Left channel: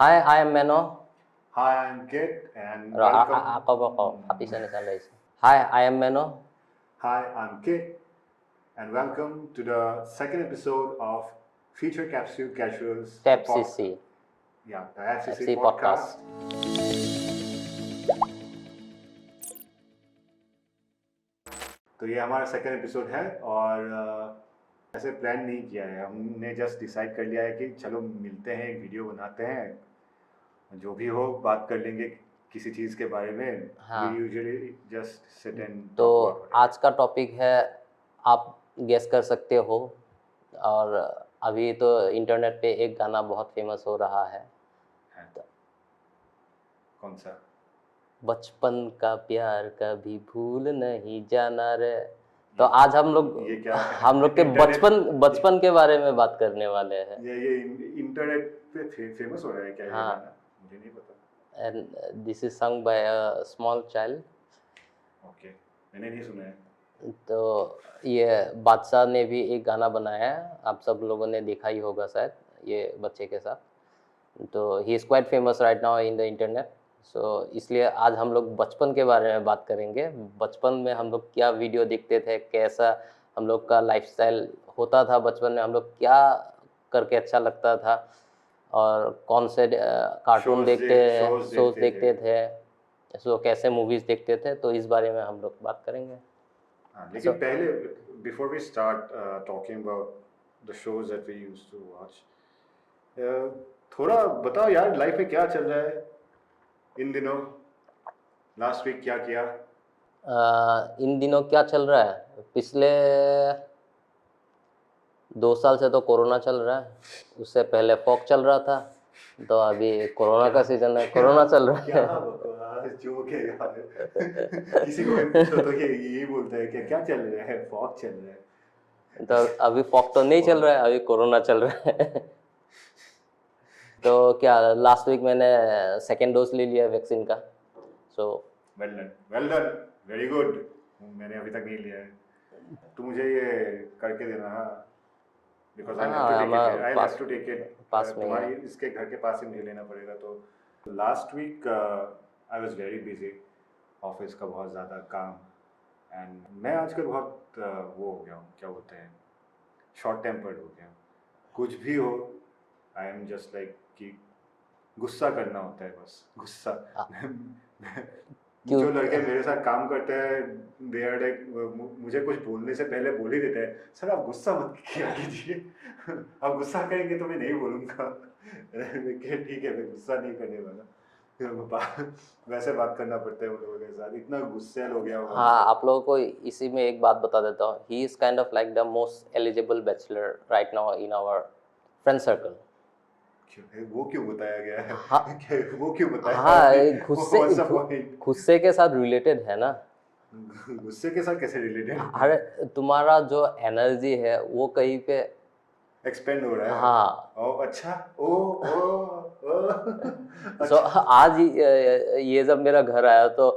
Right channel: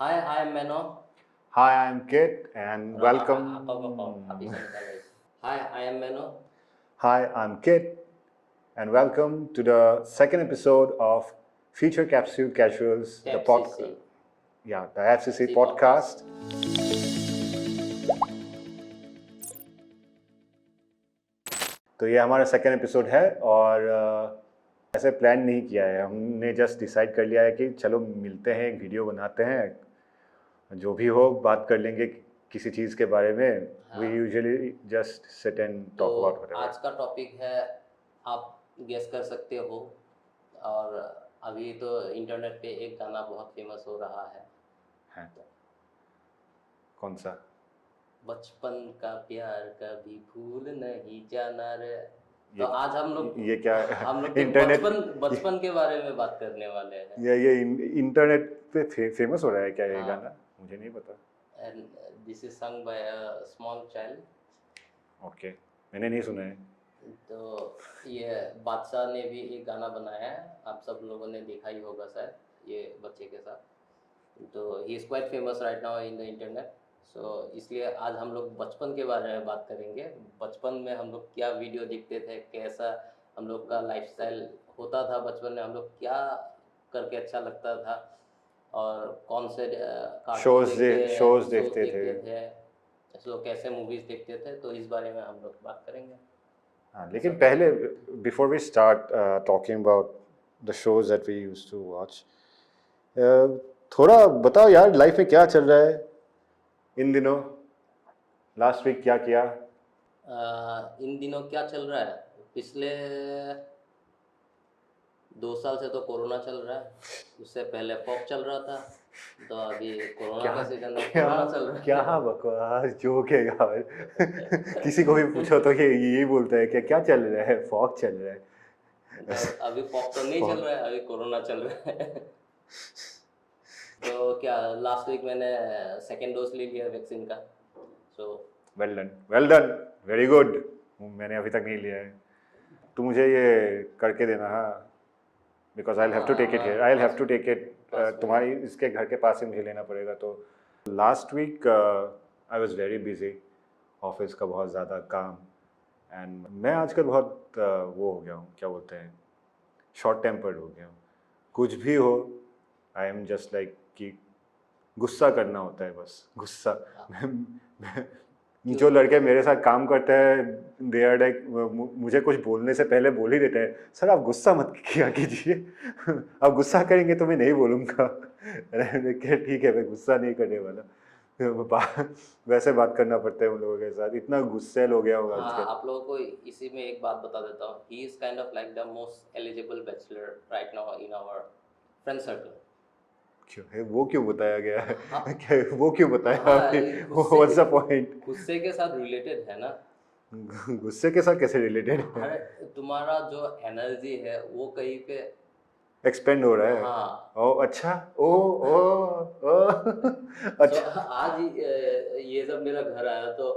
Hi, I am Meno. Hi, I'm Kit, and welcome. Ako, Happy Sunny Sundays. Hi, I am Meno. Hi, I'm Kit, and welcome to the second episode of Future Capsule Casuals, The FCC. The FCC FC podcast. तो ये हमारा second episode है और ऐसे plan नहीं किया है, हमने जस्ट डिसाइड कर लिया है कि चलो मिलते हैं, वीडियो बनाते हैं, जो भी हो बात कर लेंगे किसी चीज़ के बारे में. हाँ. We usually just sit and तो talk about whatever. आज का टॉपिक है, आप गेस कर सकते हो. और अभी तो इंटरनेट पे एक गाना बहुत फेमस हो रहा है. कौन सा? बचपन का प्यार कभी भूल नहीं जाना रे. तो आज हम लोग ये क्या हम लोग के बचपन के बारे में बात करने वाले हैं. ये इंटरनेट पे फेमस हो रहा है क्या ये गाना? मुझे नहीं पता. And this is sung by a small child. Okay, मैंने नहीं सुना है. तो ये बादशाह ने भी एक गाना बनाया है, आप सब लोगों ने देखा ही होगा शायद, ये बच्चे के साथ. तो he is quite famous right now in the internet. So इसलिए आज हम लोग बचपन के बारे में बात करेंगे. बचपन में हम लोग क्या वीडियो देखते थे, कैसा हम लोग का लाइफस्टाइल होता था बचपन में, हम लोग क्या करके अच्छा लगता था, और कौन से कार्टून शोज देखते थे, सो कैसे मूवीज़ देखते थे. तो इस बारे में हम लोग बात करेंगे. लेकिन पहले before we start talking about the shows that we used to watch, थोड़ा बताओ यार, लाइफ में क्या चल रहा है इन दिनों? लास्ट वीक क्या किया? इन दिनों क्या चल रहा है? पिछले 2 साल से तो कोरोना चल रहा है. उससे पहले फॉग चल रहा था. तो अभी कोरोना का सीजन है, कोरोना चल रहा है. क्या बकवास जोक है यार. किसी को भी पूछो तो यही बोलता है कि क्या चल रहा है, फॉग चल रहा है. तो अभी फॉग तो नहीं चल रहा है, अभी कोरोना चल रहा है. तो क्या लास्ट वीक मैंने सेकेंड डोज ले लिया वैक्सीन का. So well done, very good. मैंने अभी तक नहीं लिया है. तो मुझे ये करके देना. हाँ, because I have to take it here. I have to take it. तुम्हारी इसके घर के पास ही मुझे लेना पड़ेगा. तो last week I was very busy, office का बहुत ज़्यादा काम. एंड मैं आजकल बहुत वो हो गया हूँ, क्या बोलते हैं, शॉर्ट टेम्पर्ड हो गया हूँ. कुछ भी हो, आई एम जस्ट लाइक कि गुस्सा करना होता है बस, गुस्सा. जो लड़के मेरे साथ काम करते हैं, दे आर लाइक, मुझे कुछ बोलने से पहले बोल ही देते हैं, सर आप गुस्सा मत किया कीजिए. आप गुस्सा करेंगे तो मैं नहीं बोलूँगा. ठीक है, मैं गुस्सा नहीं करने वाला. वैसे बात करना पड़ता है उन लोगों के साथ. इतना गुस्सेल हो गया हूँ. हाँ, आप लोगों को इसी में एक बात बता देता हूँ. He is kind of like the most eligible bachelor right now in our friend circle. वो क्यों बताया गया है? हाँ, वो क्यों बताया? हाँ, गुस्से के साथ रिलेटेड है ना. गुस्से के साथ कैसे रिलेटेड? अरे तुम्हारा जो एनर्जी है वो कहीं पे एक्सपेंड हो रहा है. हाँ. अच्छा. अच्छा. So, आज ये जब मेरा घर आया तो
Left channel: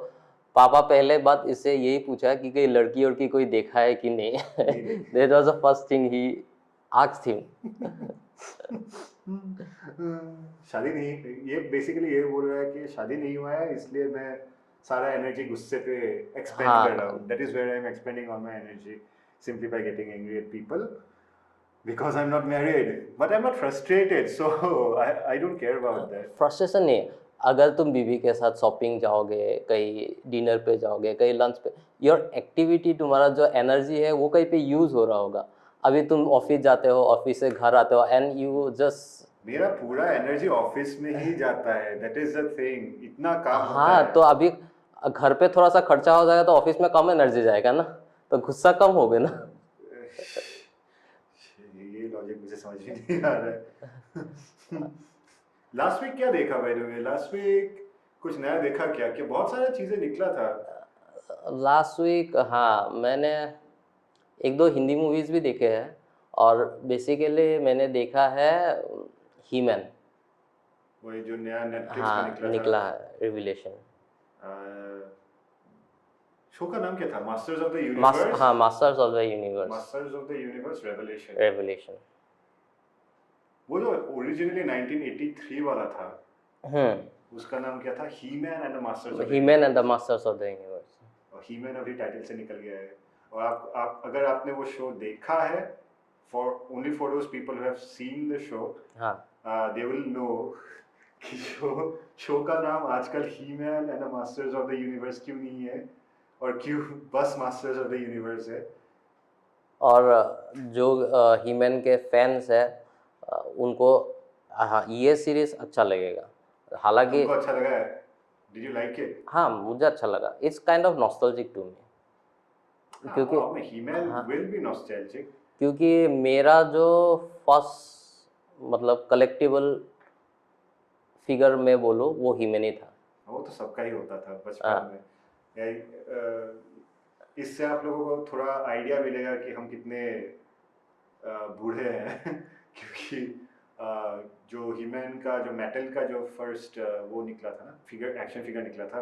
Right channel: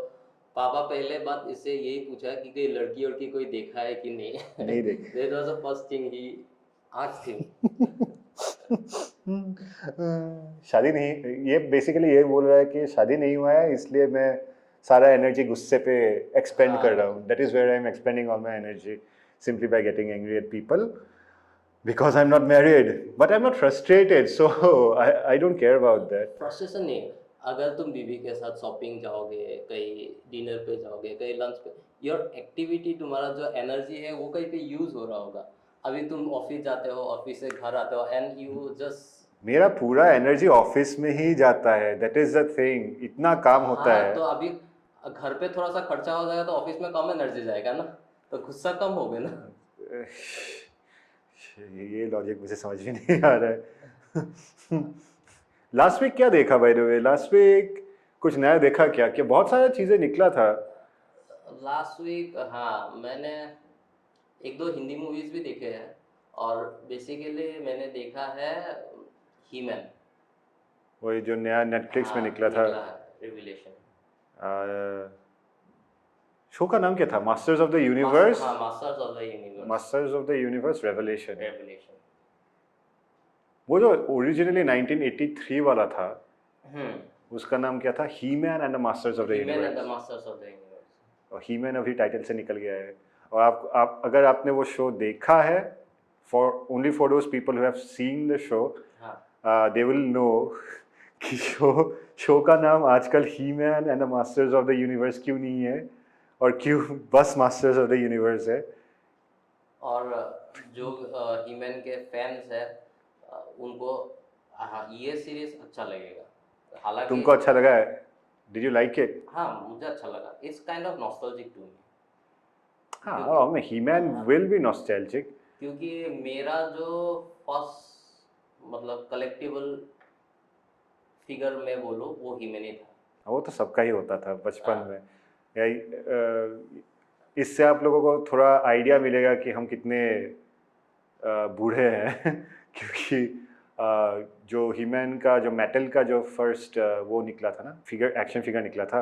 पापा पहले बात इससे यही पूछा कि कोई लड़की और की कोई देखा है कि नहीं. That was the first thing he asked him. शादी नहीं, ये बेसिकली ये बोल रहा है कि शादी नहीं हुआ है, इसलिए मैं सारा एनर्जी गुस्से पे एक्सपेंड कर रहा हूँ. That is where I am expanding all my energy, simply by getting angry at people. Because I'm not married, but I'm not frustrated, so I don't care about that. Frustration नहीं. अगर तुम बीवी के साथ shopping जाओगे, कहीं dinner पे जाओगे, कहीं लंच पे, योर एक्टिविटी, तुम्हारा जो एनर्जी है वो कहीं पे यूज़ हो रहा होगा. अभी तुम ऑफिस जाते हो, ऑफिस से घर आते हो, एंड यू जस्ट, मेरा पूरा एनर्जी ऑफिस में ही जाता है. That is the thing. इतना काम होता है. तो अभी घर पे थोड़ा सा खर्चा हो जाएगा तो ऑफिस में कम एनर्जी जाएगा ना, तो गुस्सा कम होगा ना. ये लॉजिक मुझे समझ में नहीं आ रहा है. लास्ट वीक क्या देखा by the way? Last week कुछ नया देखा क्या? बहुत सारी चीजें निकला था लास्ट वीक. हाँ, मैंने 1-2 हिंदी मूवीज भी देखे हैं, और बेसिकली मैंने देखा है ही मैन. वही जो नया नेटफ्लिक्स में निकला है, रिविलेशन. शो का नाम क्या था? Masters of the universe. हाँ, masters of the universe. Masters of the universe revelation. वो जो ओरिजिनली 1983 वाला था, हम्म, उसका नाम क्या था? He-Man and the masters of the He-Man and the universe. Masters of the universe. और ही मैन अभी टाइटल से निकल गया है। और आप अगर आपने वो शो देखा है, for only for those people who have seen the show, हाँ, दे विल नो कि शो का नाम आजकल He-Man and the masters of the universe क्यों नहीं है, और क्यों बस मास्टर्स ऑफ द यूनिवर्स है। और जो ही-मैन के फैंस है उनको हाँ, ये सीरीज अच्छा लगेगा। हालांकि तुमको अच्छा लगा है? Did you like it? हाँ, मुझे अच्छा लगा। It's kind of nostalgic to me, क्योंकि हाँ, ही मैन हाँ, विल बी नॉस्टैल्जिक। क्योंकि मेरा जो फर्स्ट मतलब कलेक्टिबल फिगर में बोलो वो ही-मैन ही था। वो तो सबका ही होता था बचपन हाँ, में। इससे आप लोगों को थोड़ा आइडिया मिलेगा कि हम कितने बूढ़े हैं क्योंकि जो हीमैन का जो मेटल का जो फर्स्ट वो निकला था ना, फिगर, एक्शन फिगर निकला था,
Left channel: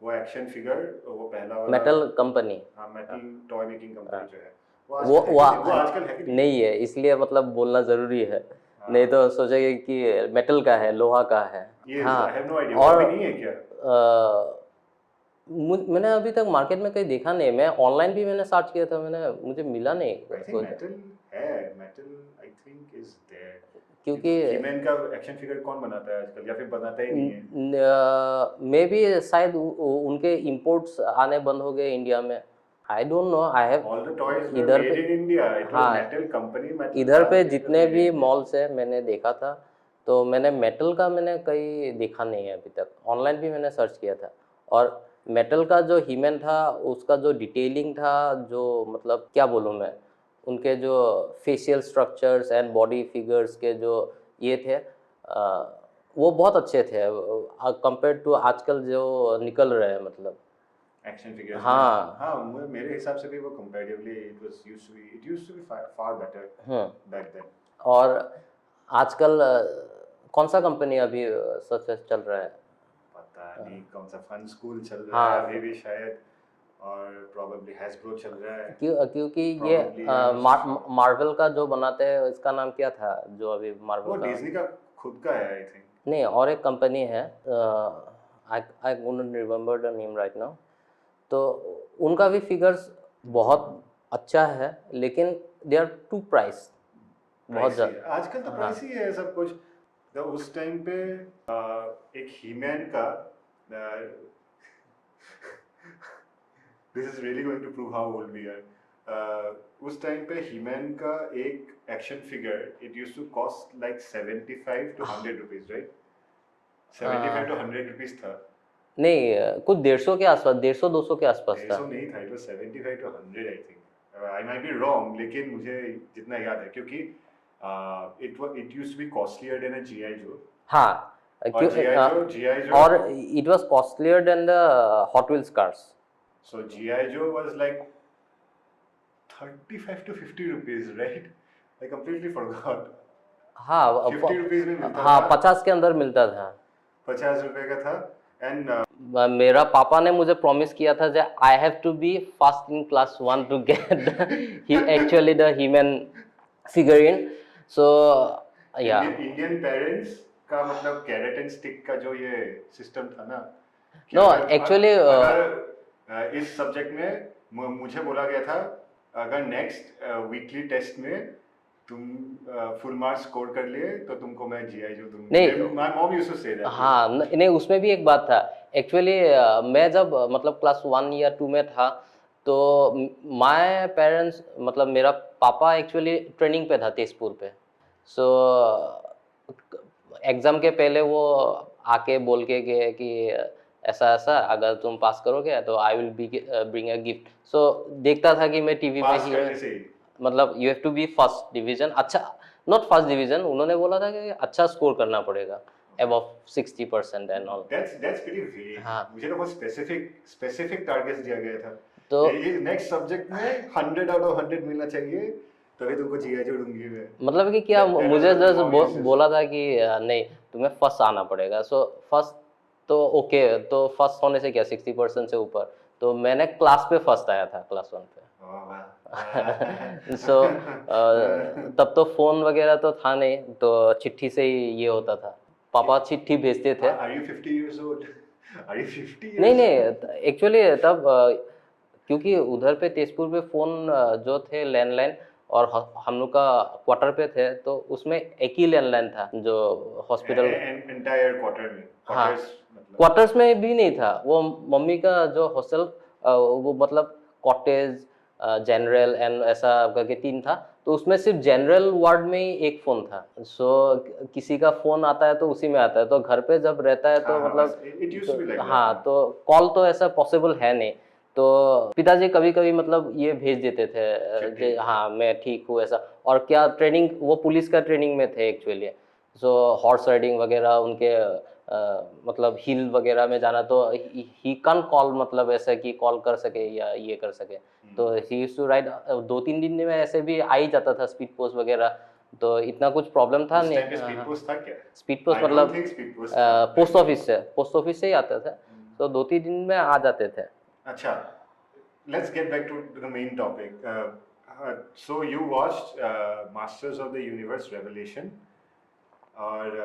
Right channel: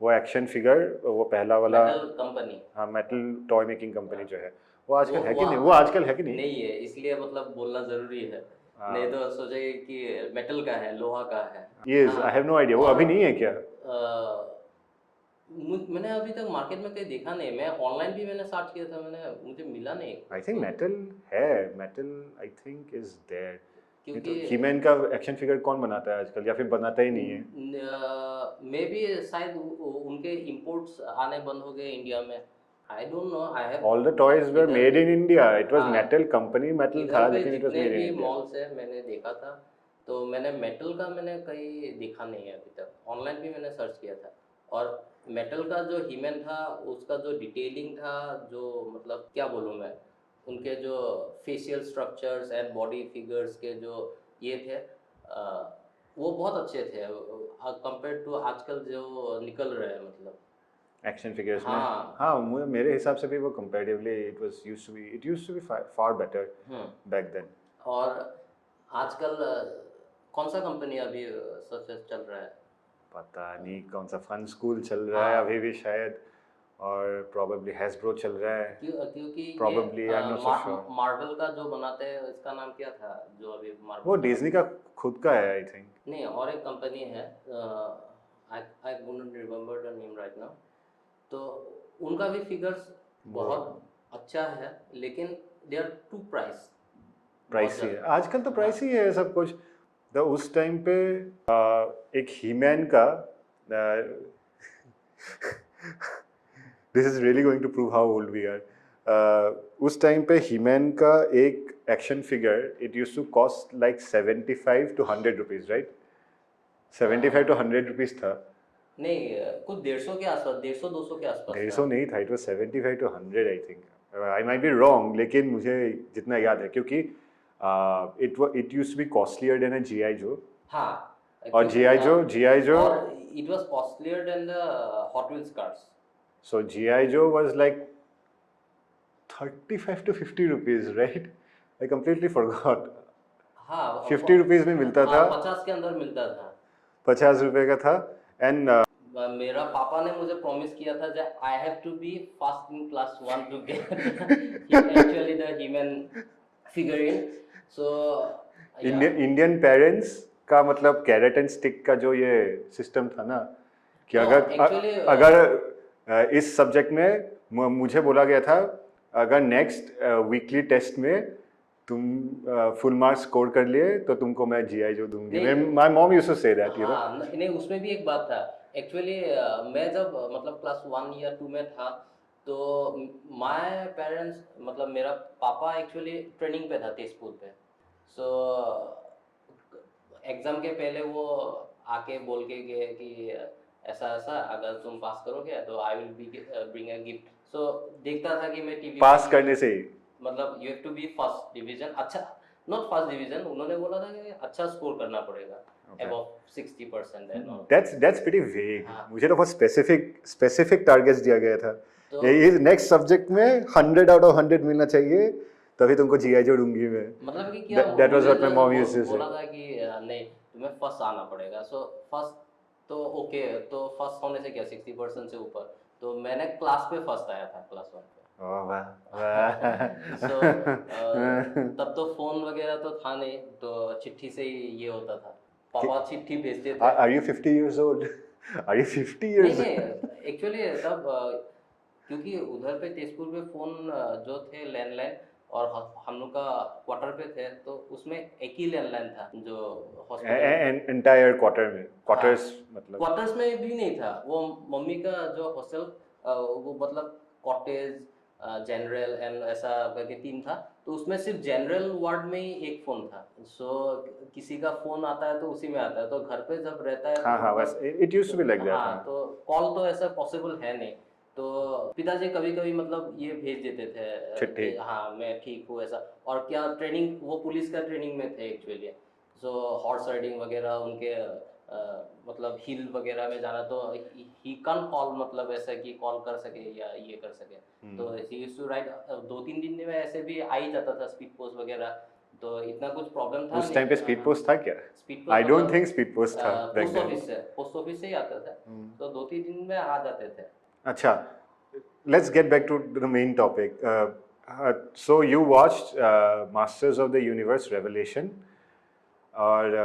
वो एक्शन फिगर, वो पहला वाला। Metal company. हाँ, मेटल टॉय मेकिंग कंपनी हाँ, जो है, वो आजकल है कि नहीं? वो आजकल है कि नहीं? नहीं है, इसलिए मतलब बोलना ज़रूरी है। नहीं तो सोचेंगे कि मेटल का है, लोहा का है। ये हाँ, आई हैव नो आइडिया, वो और अभी नहीं है क्या? मैंने अभी तक मार्केट में कहीं देखा नहीं। मैं ऑनलाइन भी मैंने सर्च किया था, मुझे मिला नहीं आई थिंक कोई। मेटल है, metal I think is there. क्योंकि हीमैन का एक्शन फिगर कौन बनाता है आजकल, या फिर बनाता ही नहीं है? मे बी शायद उनके इंपोर्ट्स आने बंद हो गए इंडिया में। I don't know. I have all the toys were इधर मेड पे इन इंडिया, इट वाज हाँ, मेटल कंपनी, मेटल इधर था पे लेकिन इट वाज जितने मेड इन भी इंडिया। मॉल्स है मैंने देखा था, तो मैंने मेटल का मैंने कहीं देखा नहीं है अभी तक। ऑनलाइन भी मैंने सर्च किया था, और मेटल का जो हीमैन था उसका जो डिटेलिंग था, जो मतलब क्या बोलूँ मैं, उनके जो facial structures and body figures के जो ये थे वो बहुत अच्छे थे कंपेयर टू आजकल जो निकल रहे हैं मतलब। एक्शन फिगर्स में, हाँ, हाँ, मेरे हिसाब से भी वो comparatively it used to be far better back then. और आजकल कौन सा कंपनी अभी सबसे चल रहा है? पता नहीं कौन सा फन स्कूल चल रहा है हाँ, अभी भी शायद, और प्रोबेबली हैसब्रो चल रहा है। क्योंकि ये Probably, I'm not so sure. Marvel का जो बनाते हैं इसका नाम क्या था जो अभी वो मार्वल का? डिज्नी का खुद का है आई थिंक। नहीं, और एक कंपनी है, I I don't remember the name right now. तो उनका भी फिगर्स बहुत अच्छा है, लेकिन दे आर टू प्राइस बहुत प्राइसी है ज़्यादा। आजकल, तो हाँ, प्राइसी है सब कुछ। तो उस टाइम पे एक हीमैन का this is really going to prove how old we are. उस टाइम पे हीमैन का एक action figure it used to cost like 75 to 100 rupees, right? 75 to 100 rupees था। नहीं, कुछ 150 के आसपास, 150-200 के आसपास 150 था। नहीं था, it was 75 to 100 I think. I might be wrong, लेकिन मुझे जितना याद है, क्योंकि it used to be costlier than a GI Joe. हाँ, और जीआई जो और it was costlier than the Hot Wheels cars. So GI Joe was like 35 to 50 rupees, right? I completely forgot. हाँ, 50 रुपीज में मिलता हाँ, था, 50 के अंदर मिलता था। 50 रुपए का था। एंड मेरा पापा ने मुझे प्रॉमिस किया था कि I have to be first in class 1 to get actually the human figurine. So या इंडियन पेरेंट्स का मतलब कैरेट एंड स्टिक का जो ये सिस्टम था ना, कि नो अगर एक्चुअली इस सब्जेक्ट में मुझे बोला गया था, अगर नेक्स्ट वीकली टेस्ट में तुम फुल मार्क्स स्कोर कर लिए तो तुमको मैं जीआई जो दूंगी। नहीं, my mom used to say that, हाँ, नहीं उसमें भी एक बात था। एक्चुअली मैं जब मतलब क्लास 1 या 2 में था, तो माय पेरेंट्स मतलब मेरा पापा एक्चुअली ट्रेनिंग पे था तेजपुर पे। सो एग्ज़ाम के पहले वो आके बोल के गए कि ऐसा ऐसा अगर तुम पास करोगे तो I will be bring a gift. So देखता था कि मैं टीवी पास पे करने से ही। मतलब you have to be first division, अच्छा नॉट फर्स्ट डिवीजन, उन्होंने बोला था कि अच्छा स्कोर करना पड़ेगा above 60% and all. That's pretty vague. हाँ, मुझे तो बहुत स्पेसिफिक टारगेट्स दिया गया था। तो ये नेक्स्ट सब्जेक्ट में 100 आउट ऑफ 100 मिलना चाहिए, तभी तुमको जीआई जो दूंगी मैं। मतलब कि क्या That was मुझे what my just mom used to say. बोला था कि नहीं तुम्हें फर्स्ट आना पड़ेगा। सो फर्स्ट तो ओके, तो फर्स्ट होने से क्या 60% से ऊपर, तो मैंने क्लास पे फर्स्ट आया था क्लास 1 पे। ओह वाह सो तब तो फोन वगैरह तो था नहीं, तो चिट्ठी से ही ये होता था, पापा चिट्ठी भेजते थे। Are you 50 years old? Are you 50 नहीं years old? नहीं, एक्चुअली तब क्योंकि उधर पे तेजपुर पे फोन जो थे लैंडलाइन, और हम लोग का क्वार्टर पे थे, तो उसमें एक ही लैंडलाइन था जो हॉस्पिटल। Entire quarter में हाँ, quarters मतलब क्वार्टर्स में भी नहीं था वो, मम्मी का जो हॉस्टल, वो मतलब कॉटेज, जनरल एंड ऐसा करके तीन था, तो उसमें सिर्फ जनरल वार्ड में ही एक फ़ोन था। सो किसी का फ़ोन आता है तो उसी में आता है, तो घर पे जब रहता है हाँ तो हाँ बस मतलब it used to be like that हाँ, हाँ तो कॉल तो ऐसा पॉसिबल है नहीं। तो पिताजी कभी कभी मतलब ये भेज देते थे, चिट्ठी हाँ मैं ठीक हूँ ऐसा। और क्या ट्रेनिंग, वो पुलिस का ट्रेनिंग में थे एक्चुअली, सो हॉर्स राइडिंग वगैरह उनके मतलब हिल वगैरह में जाना, तो ही कैन कॉल, मतलब ऐसा कि कॉल कर सके या ये कर सके। तो ही यूज्ड टू राइट, 2-3 दिन में ऐसे भी आ ही जाता था स्पीड पोस्ट वगैरह, तो इतना कुछ प्रॉब्लम था उस नहीं। टाइम पे स्पीड पोस्ट था क्या? स्पीड पोस्ट I don't मतलब think speed post था back पोस्ट then. ऑफिस से, पोस्ट ऑफिस से ही आता था, तो 2-3 दिन में आ जाते थे। अच्छा, let's get back to the main topic. So you watched Masters of the Universe Revelation और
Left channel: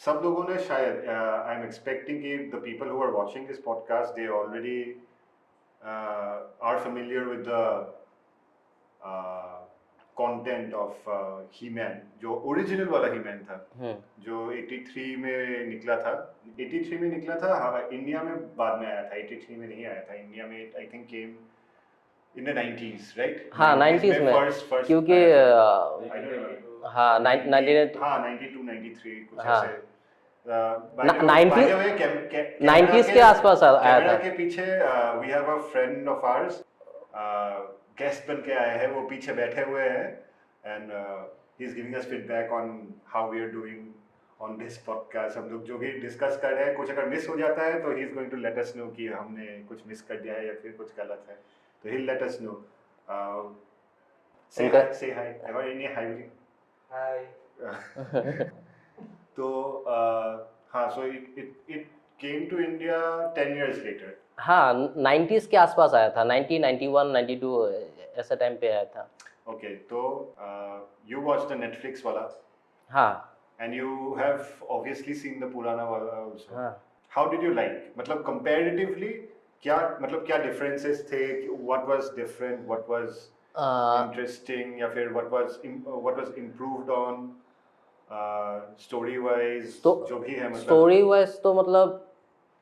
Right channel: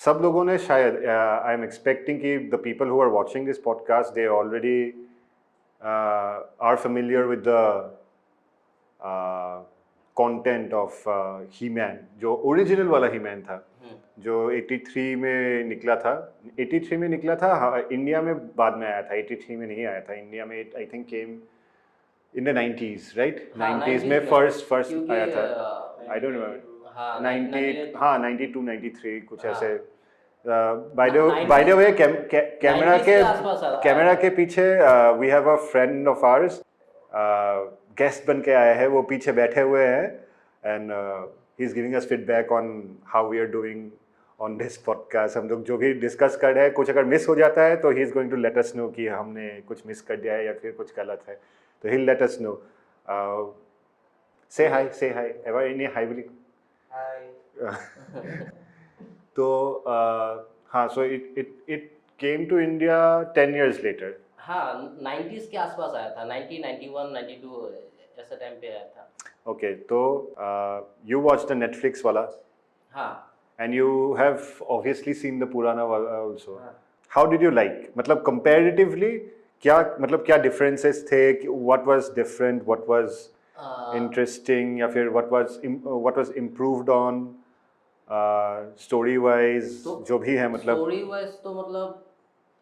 सब लोगों ने शायद आई एम एक्सपेक्टिंग कि the people who are watching this podcast they already are familiar with the content of He-Man, जो original वाला He-Man था जो 83 में निकला था। 83 में निकला था, हाँ, इंडिया में बाद में आया था, 83 में नहीं आया था इंडिया में। I think came in the 90s right, हाँ 90s 90s में में, फर्स्ट क्योंकि आया था। आई डोंट रिमेंबर, हाँ 90 हाँ 92 93 कुछ हाँ ऐसे। Bye the way camera 90s के आसपास आया कैमरा था। के पीछे we have a friend of ours, guest बन के आए हैं, वो पीछे बैठे हुए हैं and he is giving us feedback on how we are doing on this podcast. हम लोग जो भी डिस्कस कर रहे हैं, कुछ अगर मिस हो जाता है तो he is going to let us know कि हमने कुछ मिस कर दिया है या फिर कुछ गलत है, तो ही लेट अस नो। से हाय ever in hi will hi. तो हाँ, so it came to India 10 years later। हाँ 90s के आसपास आया था, 90, 91, 92 ऐसा टाइम पे आया था। ओके, तो यू वॉच द नेटफ्लिक्स वाला हाँ and you have obviously seen the पुराना वाला आल्सो। हाँ। हाउ डिड यू लाइक, मतलब कंपैरेटिवली क्या, मतलब क्या डिफरेंसेस थे, what was different, what was interesting, या फिर what was improved on story wise, तो जो भी है मतलब। स्टोरी वाइज तो मतलब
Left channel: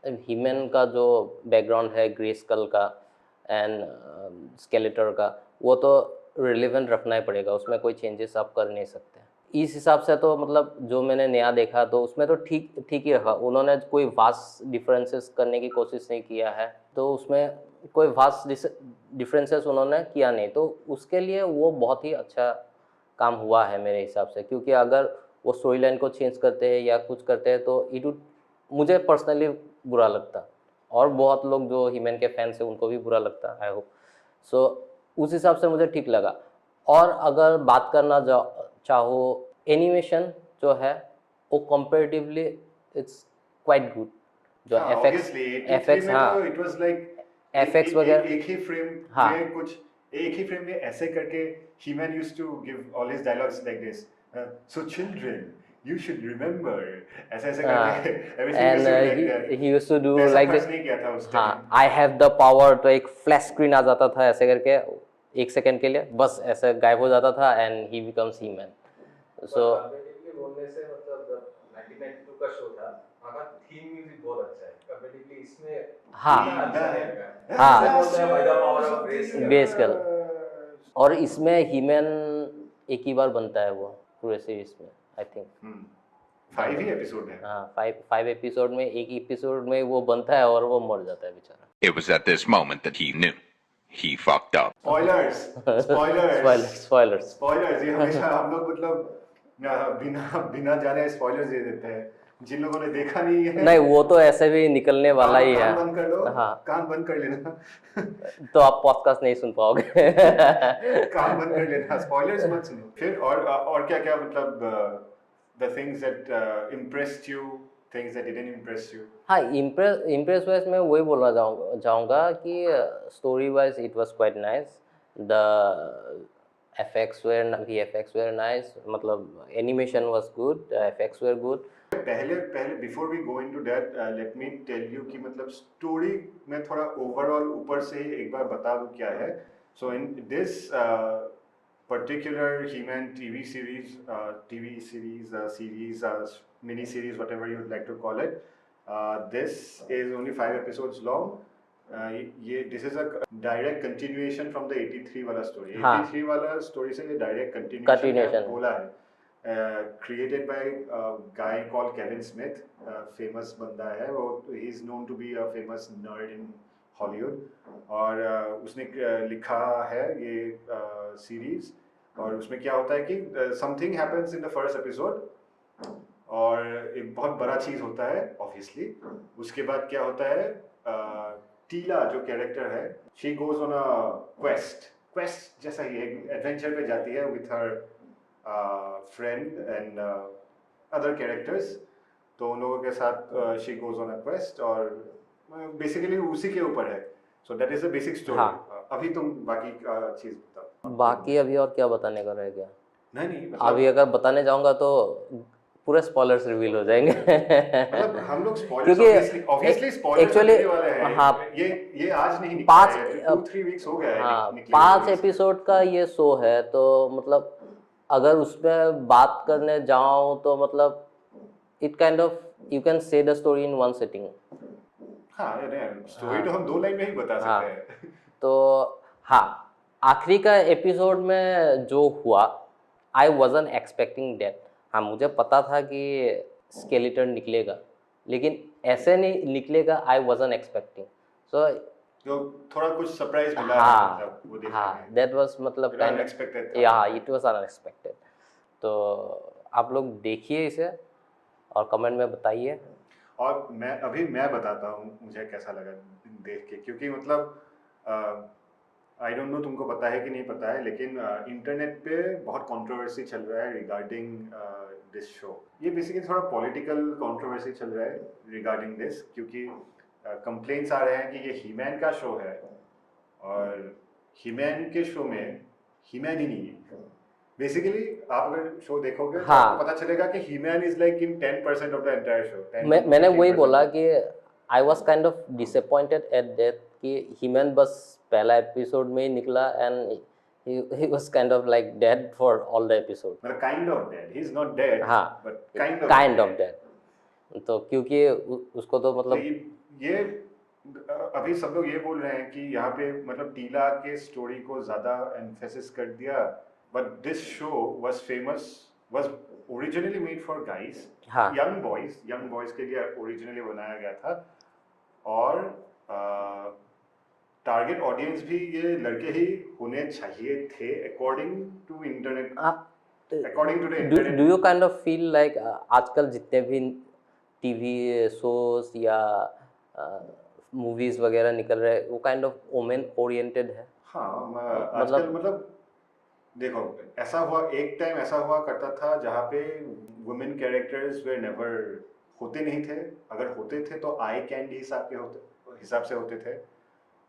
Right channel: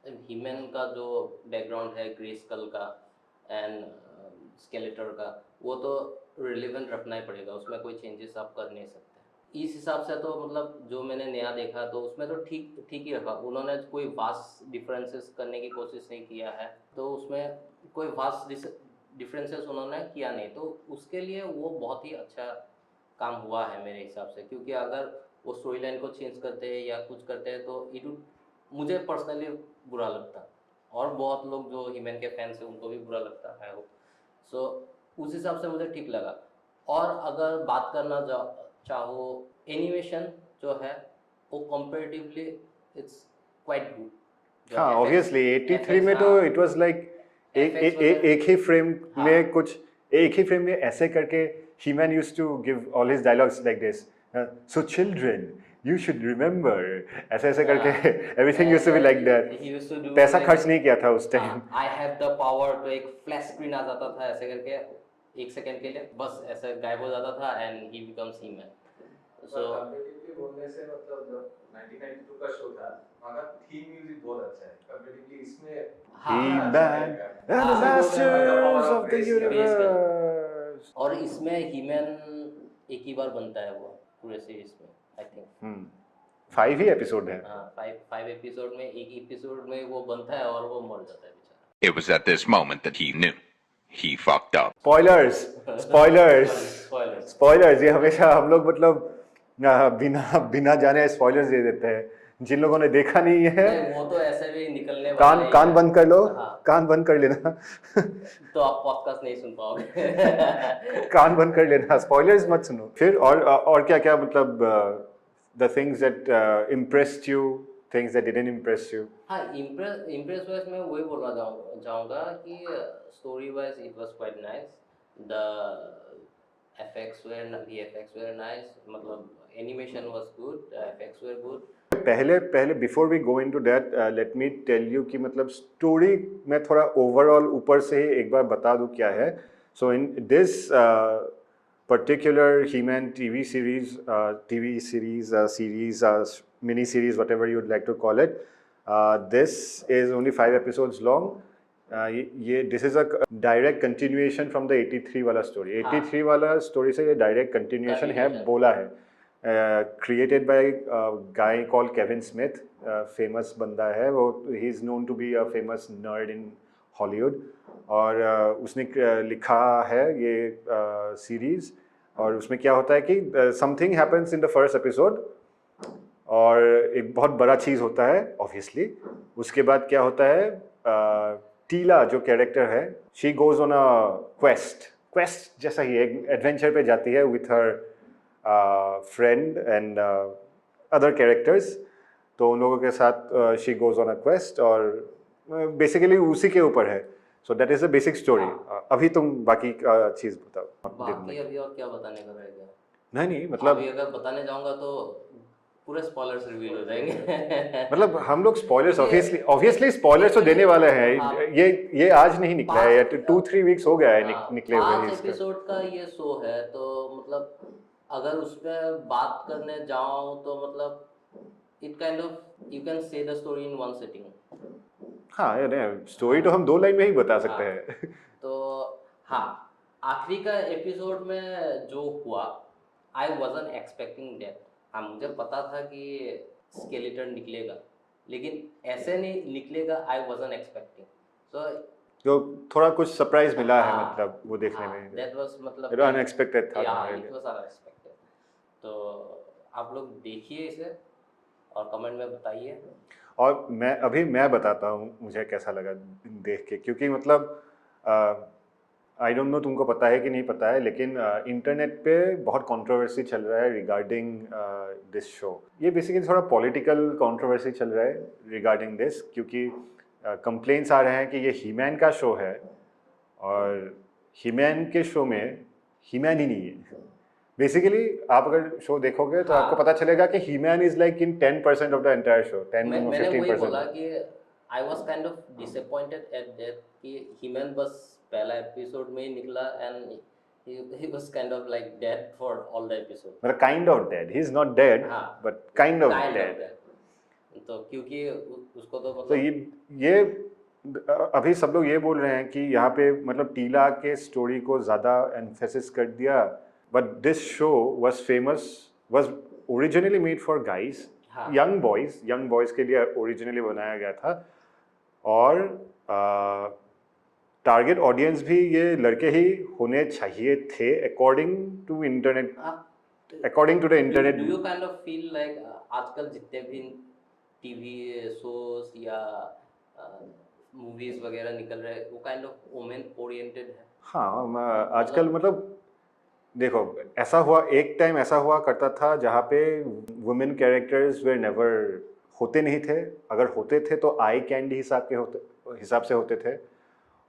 ह्यूमन का जो बैकग्राउंड है, ग्रेस्कल का एंड स्केलेटर का, वो तो रिलेवेंट रखना ही पड़ेगा, उसमें कोई चेंजेस आप कर नहीं सकते। इस हिसाब से तो मतलब जो मैंने नया देखा तो उसमें तो ठीक ठीक ही रखा, उन्होंने कोई वास्ट डिफरेंसेस करने की कोशिश नहीं किया है, तो उसमें कोई वास्ट डिफरेंसेस उन्होंने किया नहीं, तो उसके लिए वो बहुत ही अच्छा काम हुआ है मेरे हिसाब से। क्योंकि अगर वो स्टोरी लाइन को चेंज करते हैं या कुछ करते हैं तो इट वुड, मुझे पर्सनली बुरा लगता, और बहुत लोग जो हीमैन के फैंस हैं उनको भी बुरा लगता, आई होप। सो उस हिसाब से मुझे ठीक लगा। और अगर बात करना चाहो, एनिमेशन जो है वो कंपैरेटिवली इट्स क्वाइट गुड। जो हाँ, ऑब्वियसली 83 में तो इट वाज लाइक एक ही फ्रेम में कुछ, एक ही फ्रेम में ऐसे करके He-Man used to give all his dialogues like this, so children you should remember, ऐसे ऐसे करके everything used to be like that। he used to do पैसा like खर्च this, नहीं किया था उस टाइम। हाँ I have the power, तो एक फ्लैश स्क्रीन आ जाता था ऐसे करके 1 सेकंड के लिए, बस ऐसे गायब हो जाता था and he becomes He-Man. So comparatively बोलने से मतलब जब 1992 का शो था, वहाँ का थीम म्यूजिक बहुत अच्छा है कंपैरेटिवली इसमें। हाँ हाँ, बेस कर, और इसमें हीमैन एक ही बार बनता है वो पूरे सीरीज में, आई थिंक 5 ही एपिसोड है। हाँ 5 एपिसोड में, एक एपिसोड में वो बनता है और वो मर जाता है बेचारा। It was at this moment that he knew. He fucked up. Spoilers ये हमेशा हम लोग मतलब बिना जाने स्पॉयलर्स दे देते हैं जिन लोगों ने देखा नहीं है। नहीं, वो तो ऐसे भी निकलने वाला ही है। कान बंद कर लो, हाँ। कान बंद कर लेना। तो आप पॉडकास्ट नहीं सुन पाओगे। कान बंद कर लेना, स्पॉयलर्स मत सुनो। फिर और क्या क्या मतलब the things that impressed you, things that didn't impress you? हाँ, इम्प्रेस वाइज मैं वही बोलना चाहूँगा कि story wise it was quite nice, The VFX were nice. मतलब animation was good, the effects were good. पहले before we go into that let me tell you कि मतलब स्टोरी मैं थोड़ा ओवरऑल ऊपर से एक बार बता दूं क्या है. So in this particular He-Man TV series, mini series, whatever you would like to call it. This is only 5 episodes long. This is a direct continuation from the 83 वाला story. 83 वाला story से ये direct continuation है, बोला है. Created by a guy called Kevin Smith, famous बंदा है वो. He is known to be a famous nerd in Hollywood. और उसने लिखा है ये सीरीज. और उसमें क्या होता है कि something happens in the first episode और एक बहुत बड़ा चीज़ होता है ऑब्वियसली. उसके बाद क्या होता है, टीला जो कैरेक्टर है, she goes on a quest जैसा ही एक एडवेंचर पे जाती है with her friend and other characters. तो उन लोगों के साथ she goes on a quest और बेसिकली उसी के ऊपर है. So that is the basic story. अभी तुम बाकी चीज बताओ. बाकी अभी और क्या बताने का रह गया? नहीं मतलब अभी अगर बताने जाऊंगा तो पूरे स्पॉयलर्स रिवील हो जाएंगे. मतलब हम लोग स्पॉयलर्स ऑब्वियसली स्पॉयलर्स तो देने वाले हैं. हाँ, ये आज नहीं निकला है, 2-3 वीक्स हो गया है निकले. 5 एपिसोड का ये शो है तो मतलब अगर उसमें बात करने जाऊं तो मतलब it kind of you can say the story in one sitting. हाँ स्टोरी तो हम 2 लाइन में ही बता सकते हैं. तो हाँ, आखिरी का एपिसोड में जो हुआ, आई वॉजन एक्सपेक्टिंग दैट. हाँ, मुझे पता था कि स्केलेटन निकलेगा लेकिन ऐसे नहीं निकलेगा. आई वॉजन एक्सपेक्टिंग. सो तो थोड़ा कुछ सरप्राइज मिला है मतलब वो देखने में. दैट वाज मतलब अनएक्सपेक्टेड था. या इट वाज अनएक्सपेक्टेड. तो आप लोग देखिए इसे और कमेंट में बताइए. और मैं बताता हूँ मुझे कैसा लगा देख के, क्योंकि मतलब आई डोंट नो तुमको पता है कि नहीं पता है, लेकिन इंटरनेट पे बहुत कंट्रोवर्सी चल रहा है रिगार्डिंग दिस शो. ये बेसिकली थोड़ा पॉलिटिकल कंट्रोवर्सी चल रहा है रिगार्डिंग दिस, क्योंकि कंप्लेंट्स आ रहे हैं कि ये हीमैन का शो है और हीमैन के शो में हीमैन ही नहीं है. बेसिकली आप अगर शो देखोगे तो आपको पता चलेगा कि He-Man is like in 10% of the entire show. मैंने वही बोला कि I was kind of disappointed at that कि हीमैन बस पहला एपिसोड में ही निकला and he was kind of like dead for all the episode. मतलब kind of dead. He is not dead. हाँ, but kind of dead. तो क्योंकि उसको तो मतलब तो ये अभी सब लोग ये बोल रहे हैं कि यहाँ पे मतलब टीला के स्टोरी को ज़्यादा एम्फेसिस कर दिया. But this show was originally made for guys, young boys के लिए ओरिजिनली बनाया गया था. और टारगेट ऑडियंस भी ये लड़के ही होने चाहिए थे according to the internet. Do you kind of feel like आजकल जितने भी टीवी शोज या मूवीज वगैरह निकल रहे हैं वो काइंड ऑफ वुमेन ओरिएंटेड है? हाँ, आजकल मतलब देखो एक टाइम ऐसा हुआ करता था जहाँ पे वुमेन कैरेक्टर्स वे नेवर होते नहीं थे. अगर होते थे तो आई कैंडी हिसाब से होते थे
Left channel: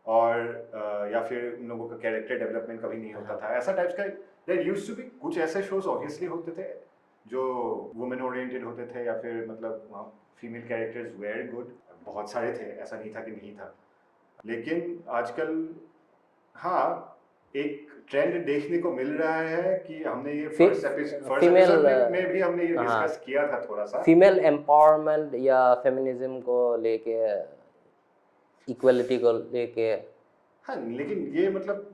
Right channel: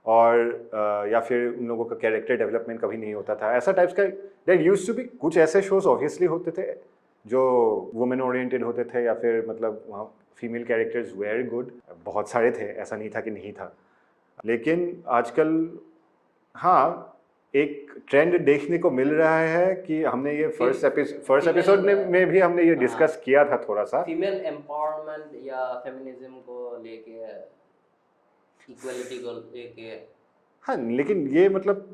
और या फिर उन लोगों का कैरेक्टर डेवलपमेंट कभी नहीं होता था. ऐसा टाइप्स का दैट यूज्ड टू बी. कुछ ऐसे शोज ऑब्वियसली होते थे जो वुमेन ओरिएंटेड होते थे या फिर मतलब वहाँ फीमेल कैरेक्टर्स वेरी गुड. बहुत सारे थे, ऐसा नहीं था कि नहीं था. लेकिन आजकल हाँ एक ट्रेंड देखने को मिल रहा है कि हमने ये फर्स्ट एपिसोड में भी हमने ये डिस्कस किया था थोड़ा सा. फीमेल एम्पावरमेंट या फेमिनिज्म को लेके, इक्वालिटी को लेके. हाँ, लेकिन ये मतलब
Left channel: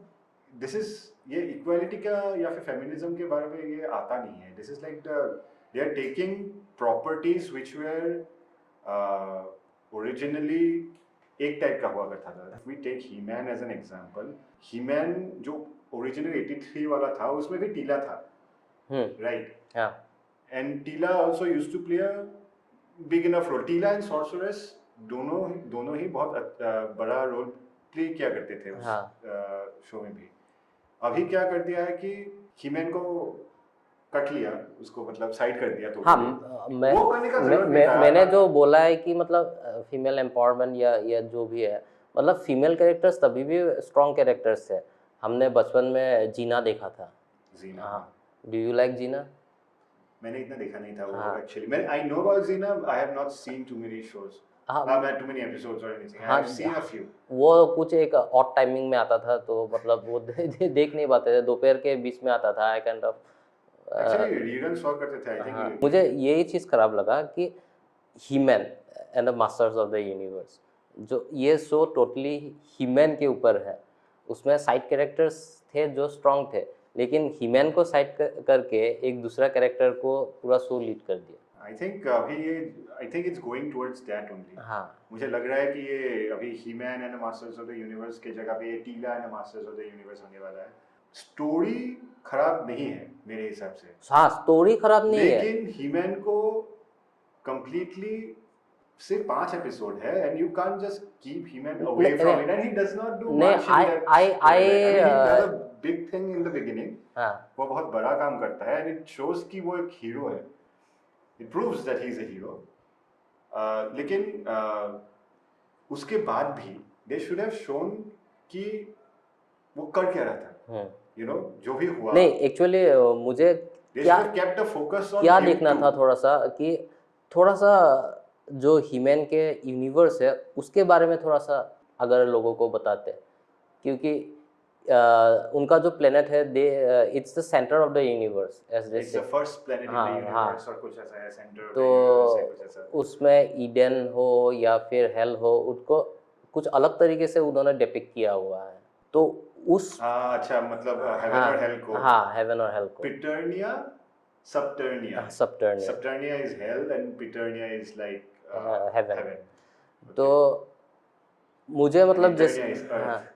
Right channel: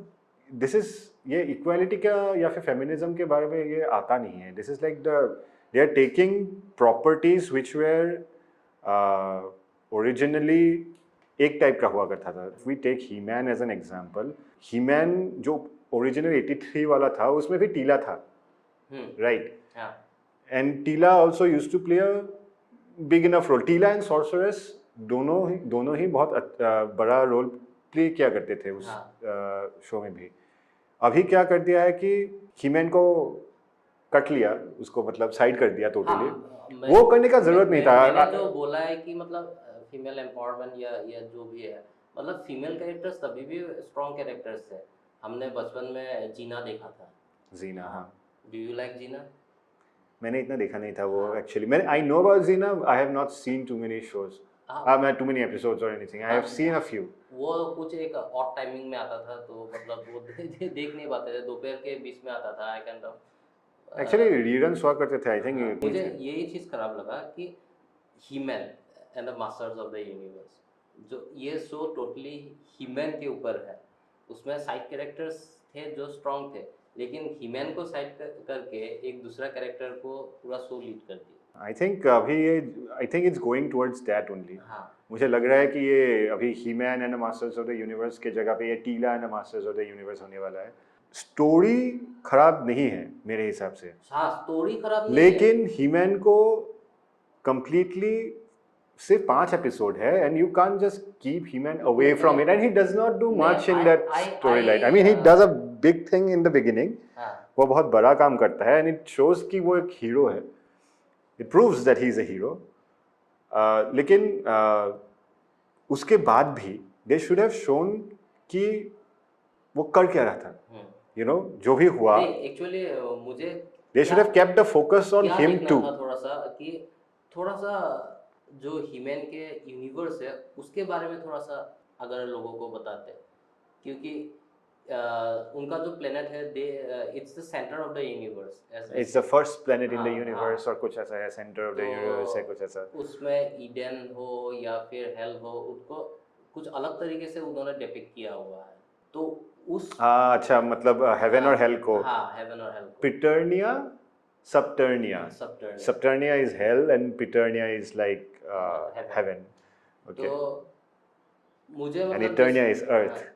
ये इक्वालिटी का या फिर फेमिनिज्म के बारे में ये आता नहीं है. This is like they are taking properties which were originally एक टाइप का हुआ करता था. We take He-Man as an example. He-Man जो ओरिजिनल 83 वाला था उसमें भी टीला था, राइट? And Teela also used to play a big enough role. Teela and sorceress दोनों ही बहुत बड़ा रोल प्ले किया करते थे उस शो में भी. अभी क्या कर दिया है कि हीमैन को कट लिया, उसको मतलब साइड कर दिया. तो वो करने का जरूरत नहीं था. मैंने जो बोला है कि मतलब फीमेल एम्पावरमेंट या जो भी है, मतलब फीमेल कैरेक्टर्स तभी भी स्ट्रॉन्ग कैरेक्टर्स थे. हमने बचपन में जीना देखा था। जीना, हाँ। हाँ। Do you like Xena? मैंने इतना देखा नहीं था वो हाँ। एक्चुअली। मैं I know about Xena, I have not seen too many shows, हाँ, मैं टू मेनी एपिसोड्स और एनीथिंग, आई हाँ, हैव सीन अ फ्यू। वो कुछ एक ऑड टाइमिंग में आता था, तो मतलब वो देख नहीं पाते थे, दोपहर के बीच में आता था। I kind of actually reruns हुआ करते थे, आई हाँ, थिंक। मुझे यही चीज़ खराब लगा कि He-Man and the masters of the universe, जो ये शो टोटली ही-मैन के ऊपर है। उसमें साइड कैरेक्टर्स थे जो स्ट्रॉन्ग थे, लेकिन ही-मैन को साइड करके एक दूसरा कैरेक्टर को पूरा शो लीड कर दिया। आई थिंक अभी ये, आई think it's going towards that only. हाँ, मुझे लग रहा है कि ये अभी He-Man and the masters of the universe के जगह पे ये टीला and the masters of the universe होने वाला है। स्टोरी खराब नहीं है मेरे हिसाब से, हाँ, स्टोरी खराब नहीं है। लेकिन ही-मैन को कंप्लीटली सिर्फ 5 एपिसोड है, and you can't just keep He-Man away from it, and he does not do much in that storyline. I mean he does a big thing in the beginning, हाँ, वो बहुत बड़ा काम करता है, एंड इट शोज कि वो एक हीरो है, it proves that he is a hero. लेकिन उसके बाद भी दे शुड हैव शोन कि वो कर क्या रहा था, यू नो, जो भी हुआ। नहीं, एक्चुअली मुझे they should have kept the focus on क्या हिम देखना टू। था थोड़ा सा, कि थोड़ा सा जो ही-मैन के यूनिवर्स है उसके बारे में थोड़ा सा अगर लोगों को बताते, क्योंकि उनका जो प्लेनेट है, they it's the centre of the universe, as it's the first planet in the हाँ, यूनिवर्स, और कुछ ऐसा है, सेंटर ऑफ द तो यूनिवर्स है, कुछ ऐसा। उसमें ईडन हो या फिर हेल हो, उसको कुछ अलग तरीके से उन्होंने डिपिक्ट किया हुआ है। तो उस हाँ, अच्छा, मतलब हेवन हाँ, और हेल को। हाँ, हेवन और हेल को। Preternia, Subternia. Subternia. Subternia is hell and Preternia is like heaven। Heaven. तो मुझे मतलब इटर्निया इज हाँ, अर्थ।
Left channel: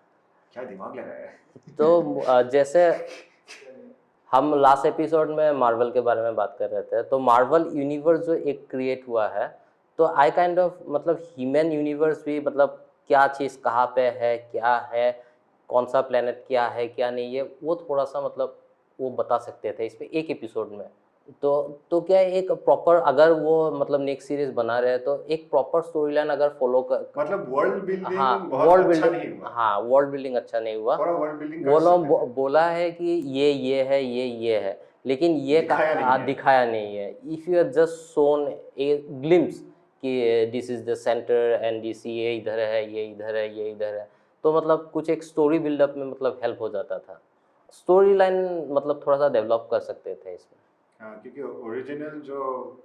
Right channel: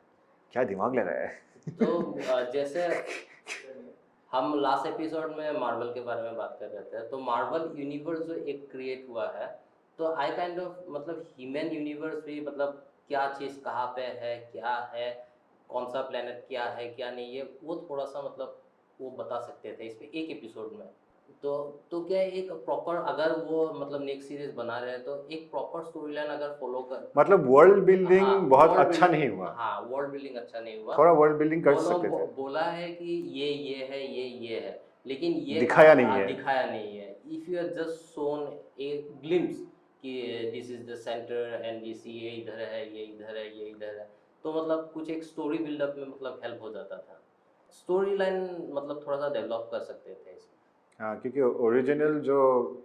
क्या दिमाग लग रहा है। तो जैसे हम लास्ट एपिसोड में मार्वल के बारे में बात कर रहे थे, तो मार्वल यूनिवर्स जो एक क्रिएट हुआ है, तो आई काइंड ऑफ मतलब ही-मैन यूनिवर्स भी, मतलब क्या चीज़ कहाँ पे है, क्या है, कौन सा प्लेनेट क्या है क्या नहीं है, वो थोड़ा सा मतलब वो बता सकते थे इस पे एक एपिसोड में। तो क्या है, एक प्रॉपर, अगर वो मतलब नेक्स्ट सीरीज बना रहे हैं तो एक प्रॉपर स्टोरी लाइन अगर फॉलो कर, मतलब वर्ल्ड बिल्डिंग हाँ, बहुत world अच्छा building- नहीं हुआ। हाँ, वर्ल्ड बिल्डिंग अच्छा नहीं हुआ। थोड़ा वर्ल्ड बिल्डिंग कर वो लोग सकते थे। बोला है कि ये है, ये है, लेकिन ये दिखाया नहीं है। दिखाया नहीं है। If you are just shown a glimpse कि this is the centre and this, ये इधर है, ये इधर है, ये इधर है, तो मतलब कुछ एक स्टोरी बिल्डअप में मतलब हेल्प हो जाता था। स्टोरी लाइन मतलब थोड़ा सा डेवलप कर सकते थे इसमें। हाँ, क्योंकि ओरिजिनल जो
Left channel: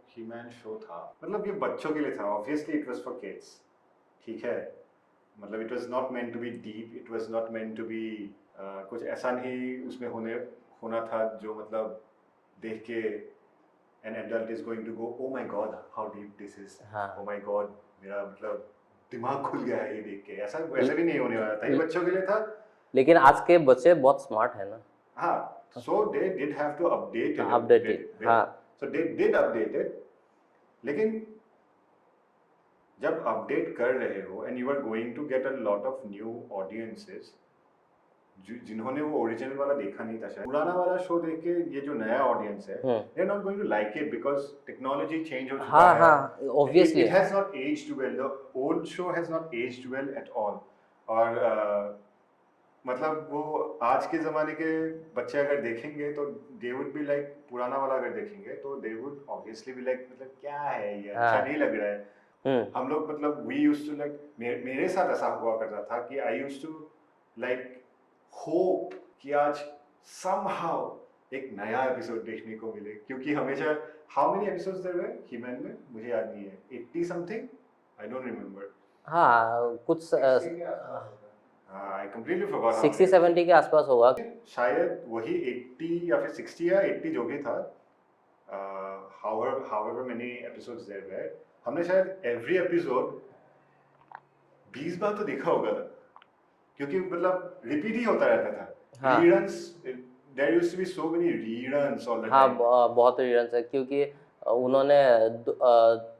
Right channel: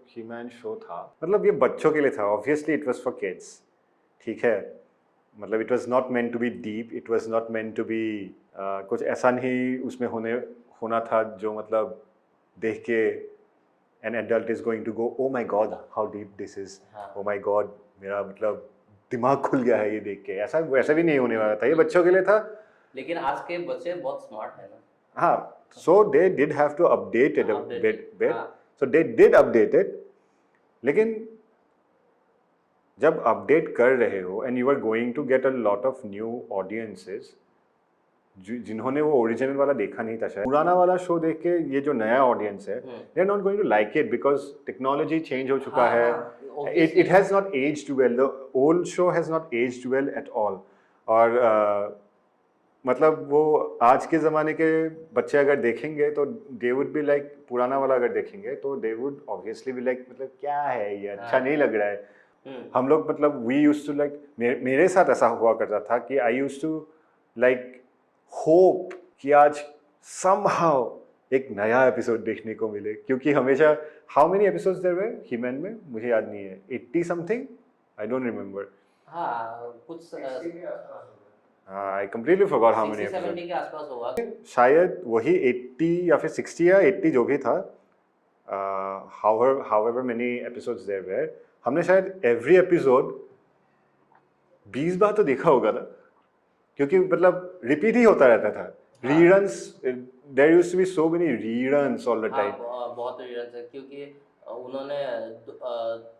ही-मैन शो था, मतलब ये बच्चों के लिए था, obviously it was for kids, ठीक है, मतलब it was not meant to be deep, it was not meant to be कुछ ऐसा नहीं उसमें होना था जो मतलब देख के an adult is going to go, oh my god how deep this is, हाँ। ओ माय गॉड, मेरा मतलब दिमाग खुल गया है ये देख के, ऐसा वैसा भी नहीं होने वाला था, ये बच्चों के लिए था। लेकिन आज के बच्चे बहुत स्मार्ट है ना। हाँ, so they did have to update it a Update bit, it, हाँ। so they did update it, लेकिन जब अपडेट कर रहे हो and you are going to get a lot of new audiences जिन्होंने वो ओरिजिनल वाला देखा नहीं था, शायद पुराना वाला शो देख के ये जो नया ऑडियंस है, they are not going to like it because technology change हो चुका हाँ, है, हाँ, obviously। it has not aged well, the old show has not aged well at all, और मतलब वो आज के ज़माने के बच्चे अगर देखेंगे तो दे वुड बी लाइक, पुराना वाला अगर देखेंगे तो they would obviously be like, मतलब क्या है ये, अच्छा हाँ। नहीं लग रहा है। हम लोग मतलब वी यूज्ड टू लाइक, मेरे साथ ऐसा हुआ करता था कि I used to like hope कि आज समहाउ एक नया एपिसोड देखने को मिले, क्योंकि हमेशा, how many episodes there were He-Man में, मुझे याद नहीं है, 80 समथिंग, आई डोंट रिमेम्बर। हाँ, कुछ आई कंप्लीटली फॉरगॉट हाउ 60-70 के आसपास होगा शायद, वही 80 या फिर 60 या 80 जो भी था, however many episodes there were, हमने शायद एवरी एपिसोड 20 बार तो देखा होगा ना, क्योंकि मतलब रिपीट ही होता रहता था। हाँ। Reruns, there used to be so many reruns all the हाँ, टाइम। बहुत रीजन है, क्योंकि उन्होंने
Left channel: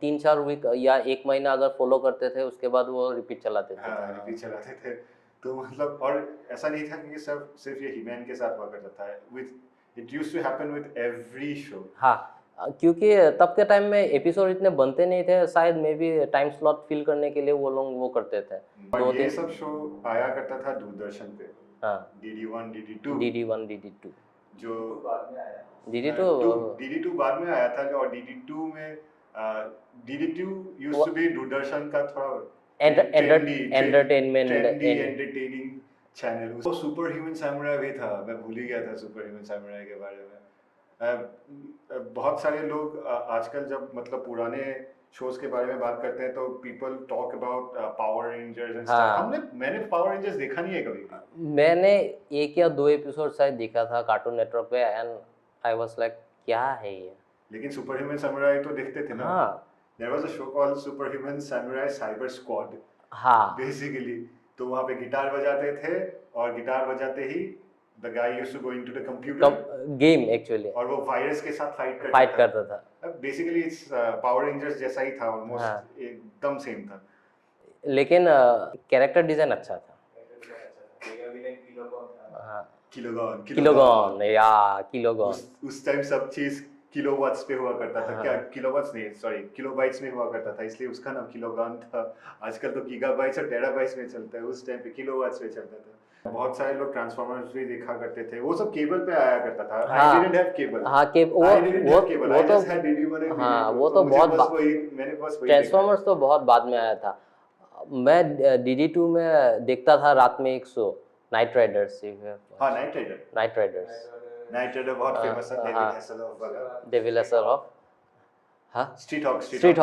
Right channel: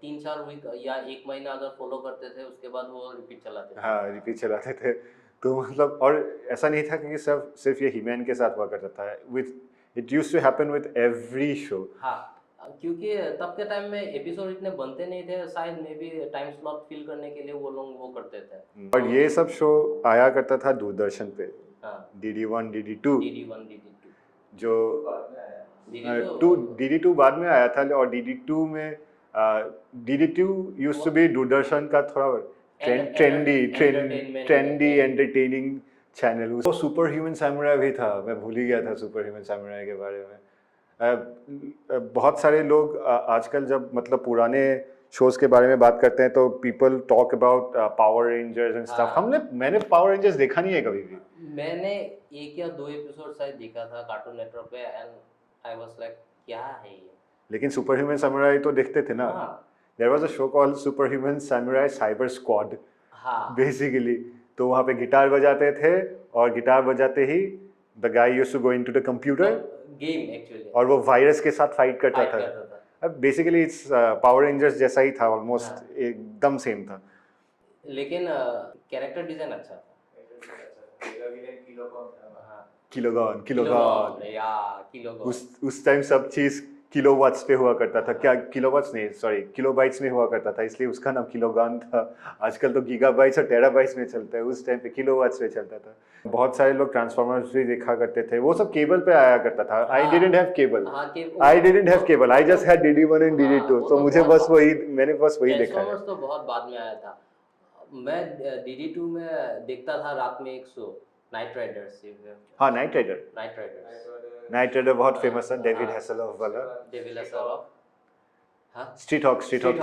3-4 वीक या 1 महीना अगर फॉलो करते थे, उसके बाद वो रिपीट चलाते थे। हाँ, रिपीट चलाते थे, तो मतलब, और ऐसा नहीं था कि सिर्फ ये ही-मैन के साथ हुआ करता था, with it used to happen with every show. हाँ, क्योंकि तब के टाइम में एपिसोड इतने बनते नहीं थे, शायद maybe time slot fill करने के लिए वो लोग वो करते थे। और ये सब शो आया करता था दूरदर्शन पे, हाँ DD1 DD2 DD1 DD2 जो बाद में आया DD2 बाद में आया था और DD2 में DD2 used to B Doordarshan का थोड़ा entertainment ट्रेंडी एंटरटेनिंग चैनल। वो सुपर ह्यूमन सैमुराई भी था, मैं भूल ही गया था सुपर ह्यूमन सैमुराई के बारे में। बहुत सारे लोग आजकल जब मतलब पुराने शोज के बारे में बात करते हैं तो people talk about power rangers and stuff. मैंने पावर रेंजर्स देखा नहीं है कभी भी। मैंने 1 या 2 एपिसोड शायद देखा था कार्टून नेटवर्क पे एंड आई वाज लाइक क्या है ये। लेकिन सुपर ह्यूमन सैमुराई तो देखते थे ना। हाँ there was a show called super human samurai cyber squad हाँ बेसिकली। तो वहाँ पे गिटार बजाते थे और गिटार बजाते ही the guy used to go into the computer game actually और वो वायरस के साथ फाइट करता था। अब बेसिकली इट्स पावर रेंजर्स जैसा ही था ऑलमोस्ट, एकदम सेम था। लेकिन कैरेक्टर डिजाइन अच्छा था। किलोगॉन या किलोगॉन उस टाइम सब चीज किलोवाट्स पे हुआ करता था। क्या किलोवाट्स नहीं, सॉरी किलोबाइट्स में हुआ करता था, इसलिए उसका नाम किलोगॉन था। आजकल तो गीगाबाइट्स और टेराबाइट्स में चलता है, उस टाइम पे किलोवाट्स पे चलता था। बहुत सारे लोग ट्रांसफॉर्मर्स भी देखा करते थे, वो सब केबल पे आया करता था। I didn't have cable. I didn't have cable, I just had DD1 and DD2। तो मुझे बस वही, मैंने बस वही देखा। ट्रांसफॉर्मर्स तो बहुत बाद में आया था। मैं DD2 में देखता था रात में एक शो नाइट राइडर्स। हाँ नाइट राइडर बहुत फेमस है, डेविड हैसेलहॉफ वाला। डेविड हैसेलहॉफ हाँ Street Hawk Street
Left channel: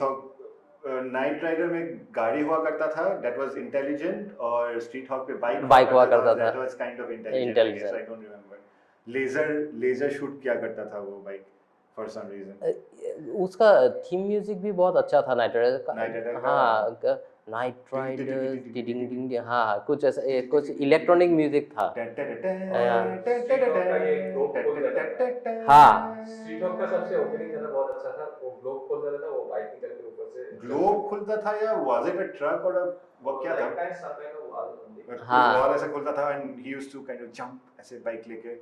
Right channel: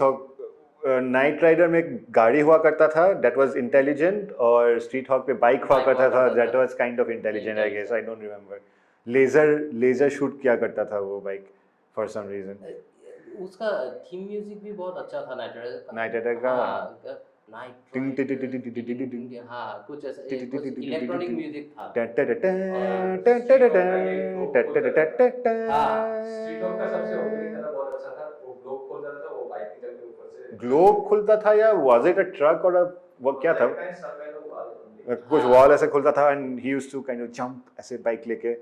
Hawk Knight Rider में गाड़ी हुआ करता था दैट वाज इंटेलिजेंट, और स्ट्रीट हॉक पे बाइक हुआ करता था that was kind of intelligent I guess, I don't remember. Laser shoot किया करता था वो बाइक फॉर सम रीजन। उसका थीम म्यूजिक भी बहुत अच्छा था नाइट राइडर का। हाँ कुछ ऐसा कुछ इलेक्ट्रॉनिक म्यूजिक था। हाँ स्ट्रीट हॉक का सबसे ओपनिंग गाना बहुत अच्छा था। वो ग्लोब खोल देता था, वो बाइक निकल के ऊपर से ग्लोब खुलता था या वाज इट अ ट्रक और वो क्या था, कुछ वॉल ऐसे खुलता था and he used to kind of jump ऐसे बाइक लेके,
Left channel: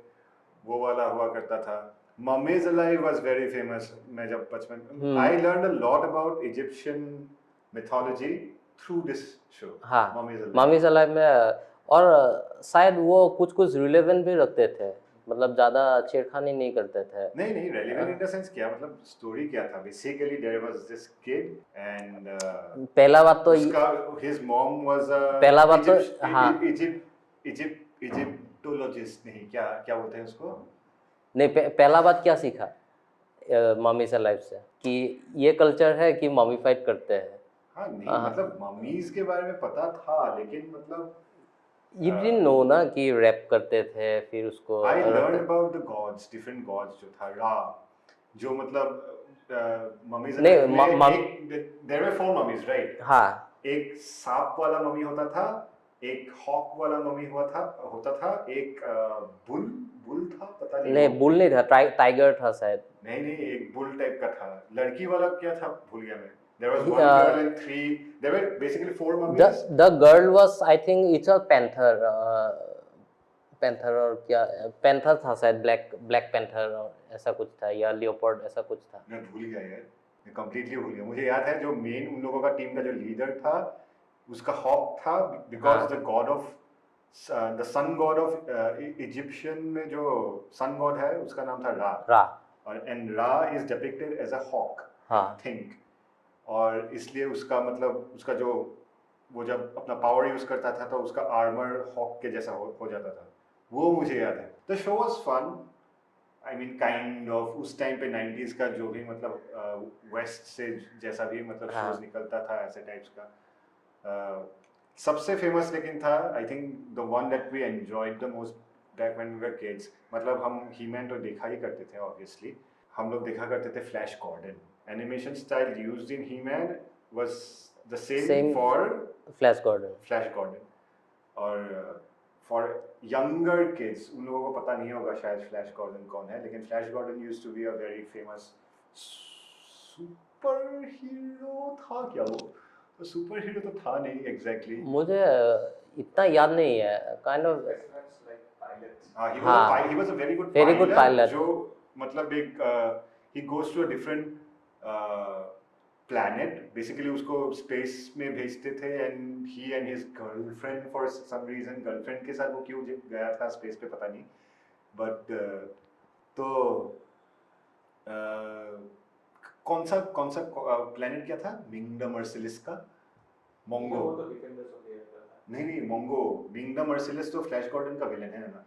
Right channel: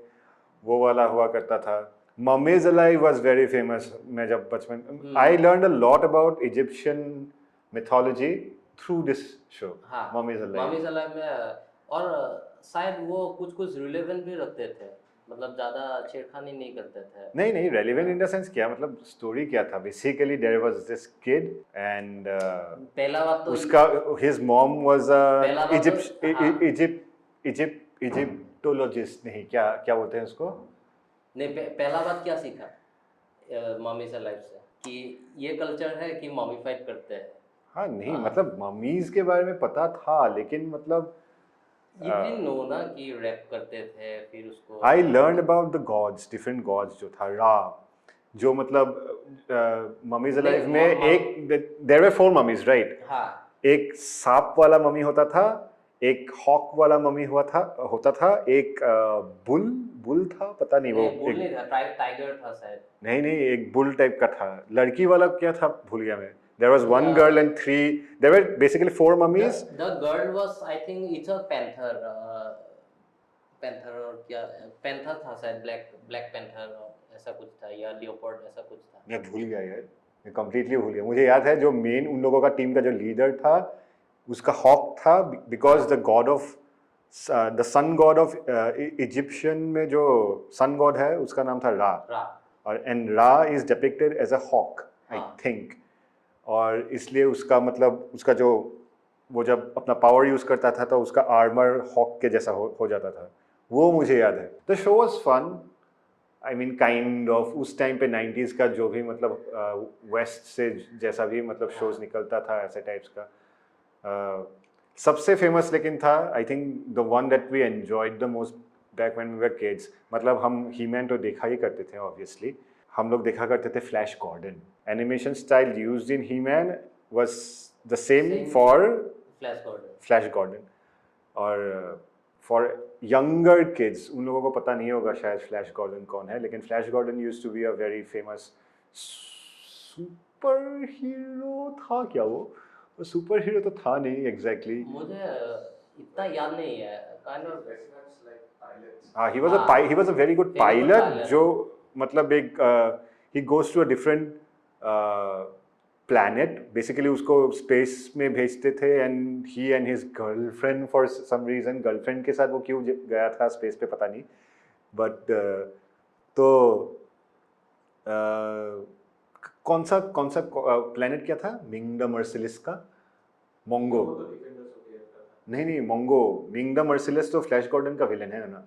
वो वाला हुआ करता था। Mummies Alive was very famous. मैं जब बचपन I learned a lot about Egyptian mythology through this show. हाँ मम्मीज अलाइव में, और शायद वो कुछ रिलेवेंट भी रखते थे, मतलब ज्यादा छेड़खानी नहीं करते थे। नहीं रेलेवेंट इन द सेंस क्या, मतलब स्टोरी क्या था basically, there was this kid and पहला बात तो उसका हिज मॉम वाज पहला बात तो इजिप्टोलॉजिस्ट, नहीं क्या बोलते हैं उसको। नहीं पहला बात क्या सीखा मम्मी से लाइफ से कि ये कल्चर है कि मम्मीफाइड करते हैं। हाँ नहीं मतलब मम्मीज के बारे में पता था, लेकिन मतलब You didn't know ना कि रैप करते थे फिर उसको। I learned about the gods, different gods जो था रा, जो मतलब मम्मीज लाइफ में एक there were 4 mummies right? हाँ एक सांप वाला मम्मी होता था, एक हॉक वाला मम्मी होता था, एक बुल था, पता नहीं बुल नहीं था, टाइगर था शायद। नहीं एक बुल टाइप का था। लड़की वाला क्या था भूल गया मैं। There was 1 girl and 3. There were basically 4 mummies. The girl was, I think, it's a panther. Panther और क्या? Panther था शायद, black panther ऐसा कुछ था, या leopard ऐसा कुछ था। मैं भूल गया यार, मैं completely भूल गया। मुझे याद है जो मेन उन लोगों का टीम का जो लीडर था उसका हॉक था, because the god of the sun god of Egyptian में जो sun god है उसका नाम था रा। और and Ra is depicted as a hawk, I think. और इसलिए उसका मतलब उसका जो वो जब अपना पावर यूज करता था तो उसका आर्मर हॉक के जैसा हो जाता था, वो मुझे याद है। The show was fun, I mean kind of उस टाइम पे 90s का जो भी मतलब वेस्ट से जैसा भी मतलब शोज निकलता था ऐसे टाइप्स का सबसे फेमस लेकिन था I think the one that we enjoyed the most back when we were kids. मतलब हम ही-मैन तो देखा ही करते थे ऑब्वियसली, हम लोग देखा करते थे Flash Gordon. Animation style used in He-Man was the same for Flash Gordon. और फॉर यंगर किड्स उन लोगों को पता नहीं होगा शायद फ्लैश गॉर्डन कौन है, लेकिन Flash Gordon used to be a very famous superhero था। क्या वो सुपर हीरो तो था नहीं एग्जैक्टली, मुझे इतना याद नहीं है। Kind of he was a very good pilot जो मतलब एक he goes to a different planet, basically उसको space में भेजते थे, and he and his girlfriend for some reason, girlfriend के साथ वो क्यों गया था space पे पता नहीं, but तो कौन सा planet क्या था? Ming the Merciless का मोंगो। वो तो डिफेंडर्स ऑफ द अर्थ का था। नहीं मोंगो, Ming the Merciless तो फ्लैश गॉर्डन का विलन है ना।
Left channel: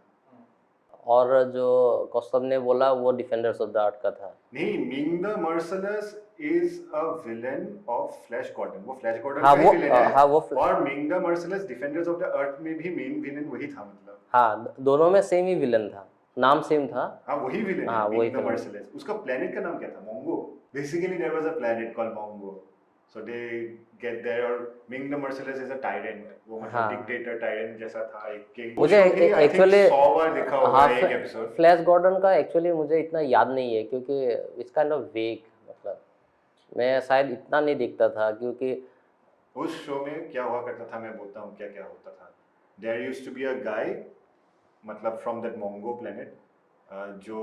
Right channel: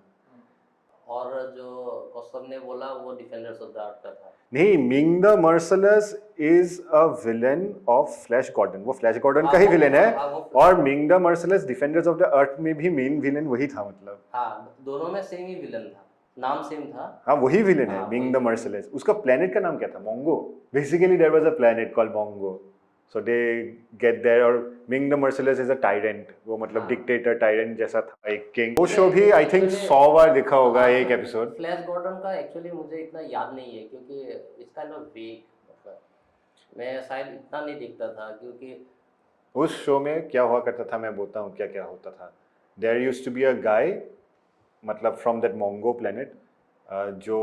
और जो कौस्तभ ने बोला वो डिफेंडर्स ऑफ द आर्ट का था। नहीं, Ming the merciless is a villain of Flash Gordon, वो फ्लैश गॉर्डन हाँ, का ही वो- विलन है। हाँ, वो और Ming the Merciless Defenders of the Earth में भी मेन विलन वही था, मतलब हाँ, दोनों में सेम ही विलन था, नाम सेम था। हाँ वही विलन हाँ, है वही मिंग द villain। मर्सिलेस। उसका प्लेनेट का नाम क्या था? Mongo. Basically there was a planet called Mongo, so they get there. और Ming the merciless is a tyrant, वो मतलब हाँ। डिक्टेटर टायरेंट जैसा था, एक किंग। वो मुझे शो भी आई थिंक actually- 100 बार देखा होगा हाँ, एक एपिसोड। फ्लैश गॉर्डन का एक्चुअली मुझे इतना याद नहीं है क्योंकि इट्स काइंड ऑफ वेग, मतलब मैं शायद इतना नहीं देखता था क्योंकि उस शो में क्या हुआ करता था, मैं बोलता हूँ क्या क्या होता था। There used to be a guy, मतलब फ्रॉम दैट मोंगो प्लेनेट, जो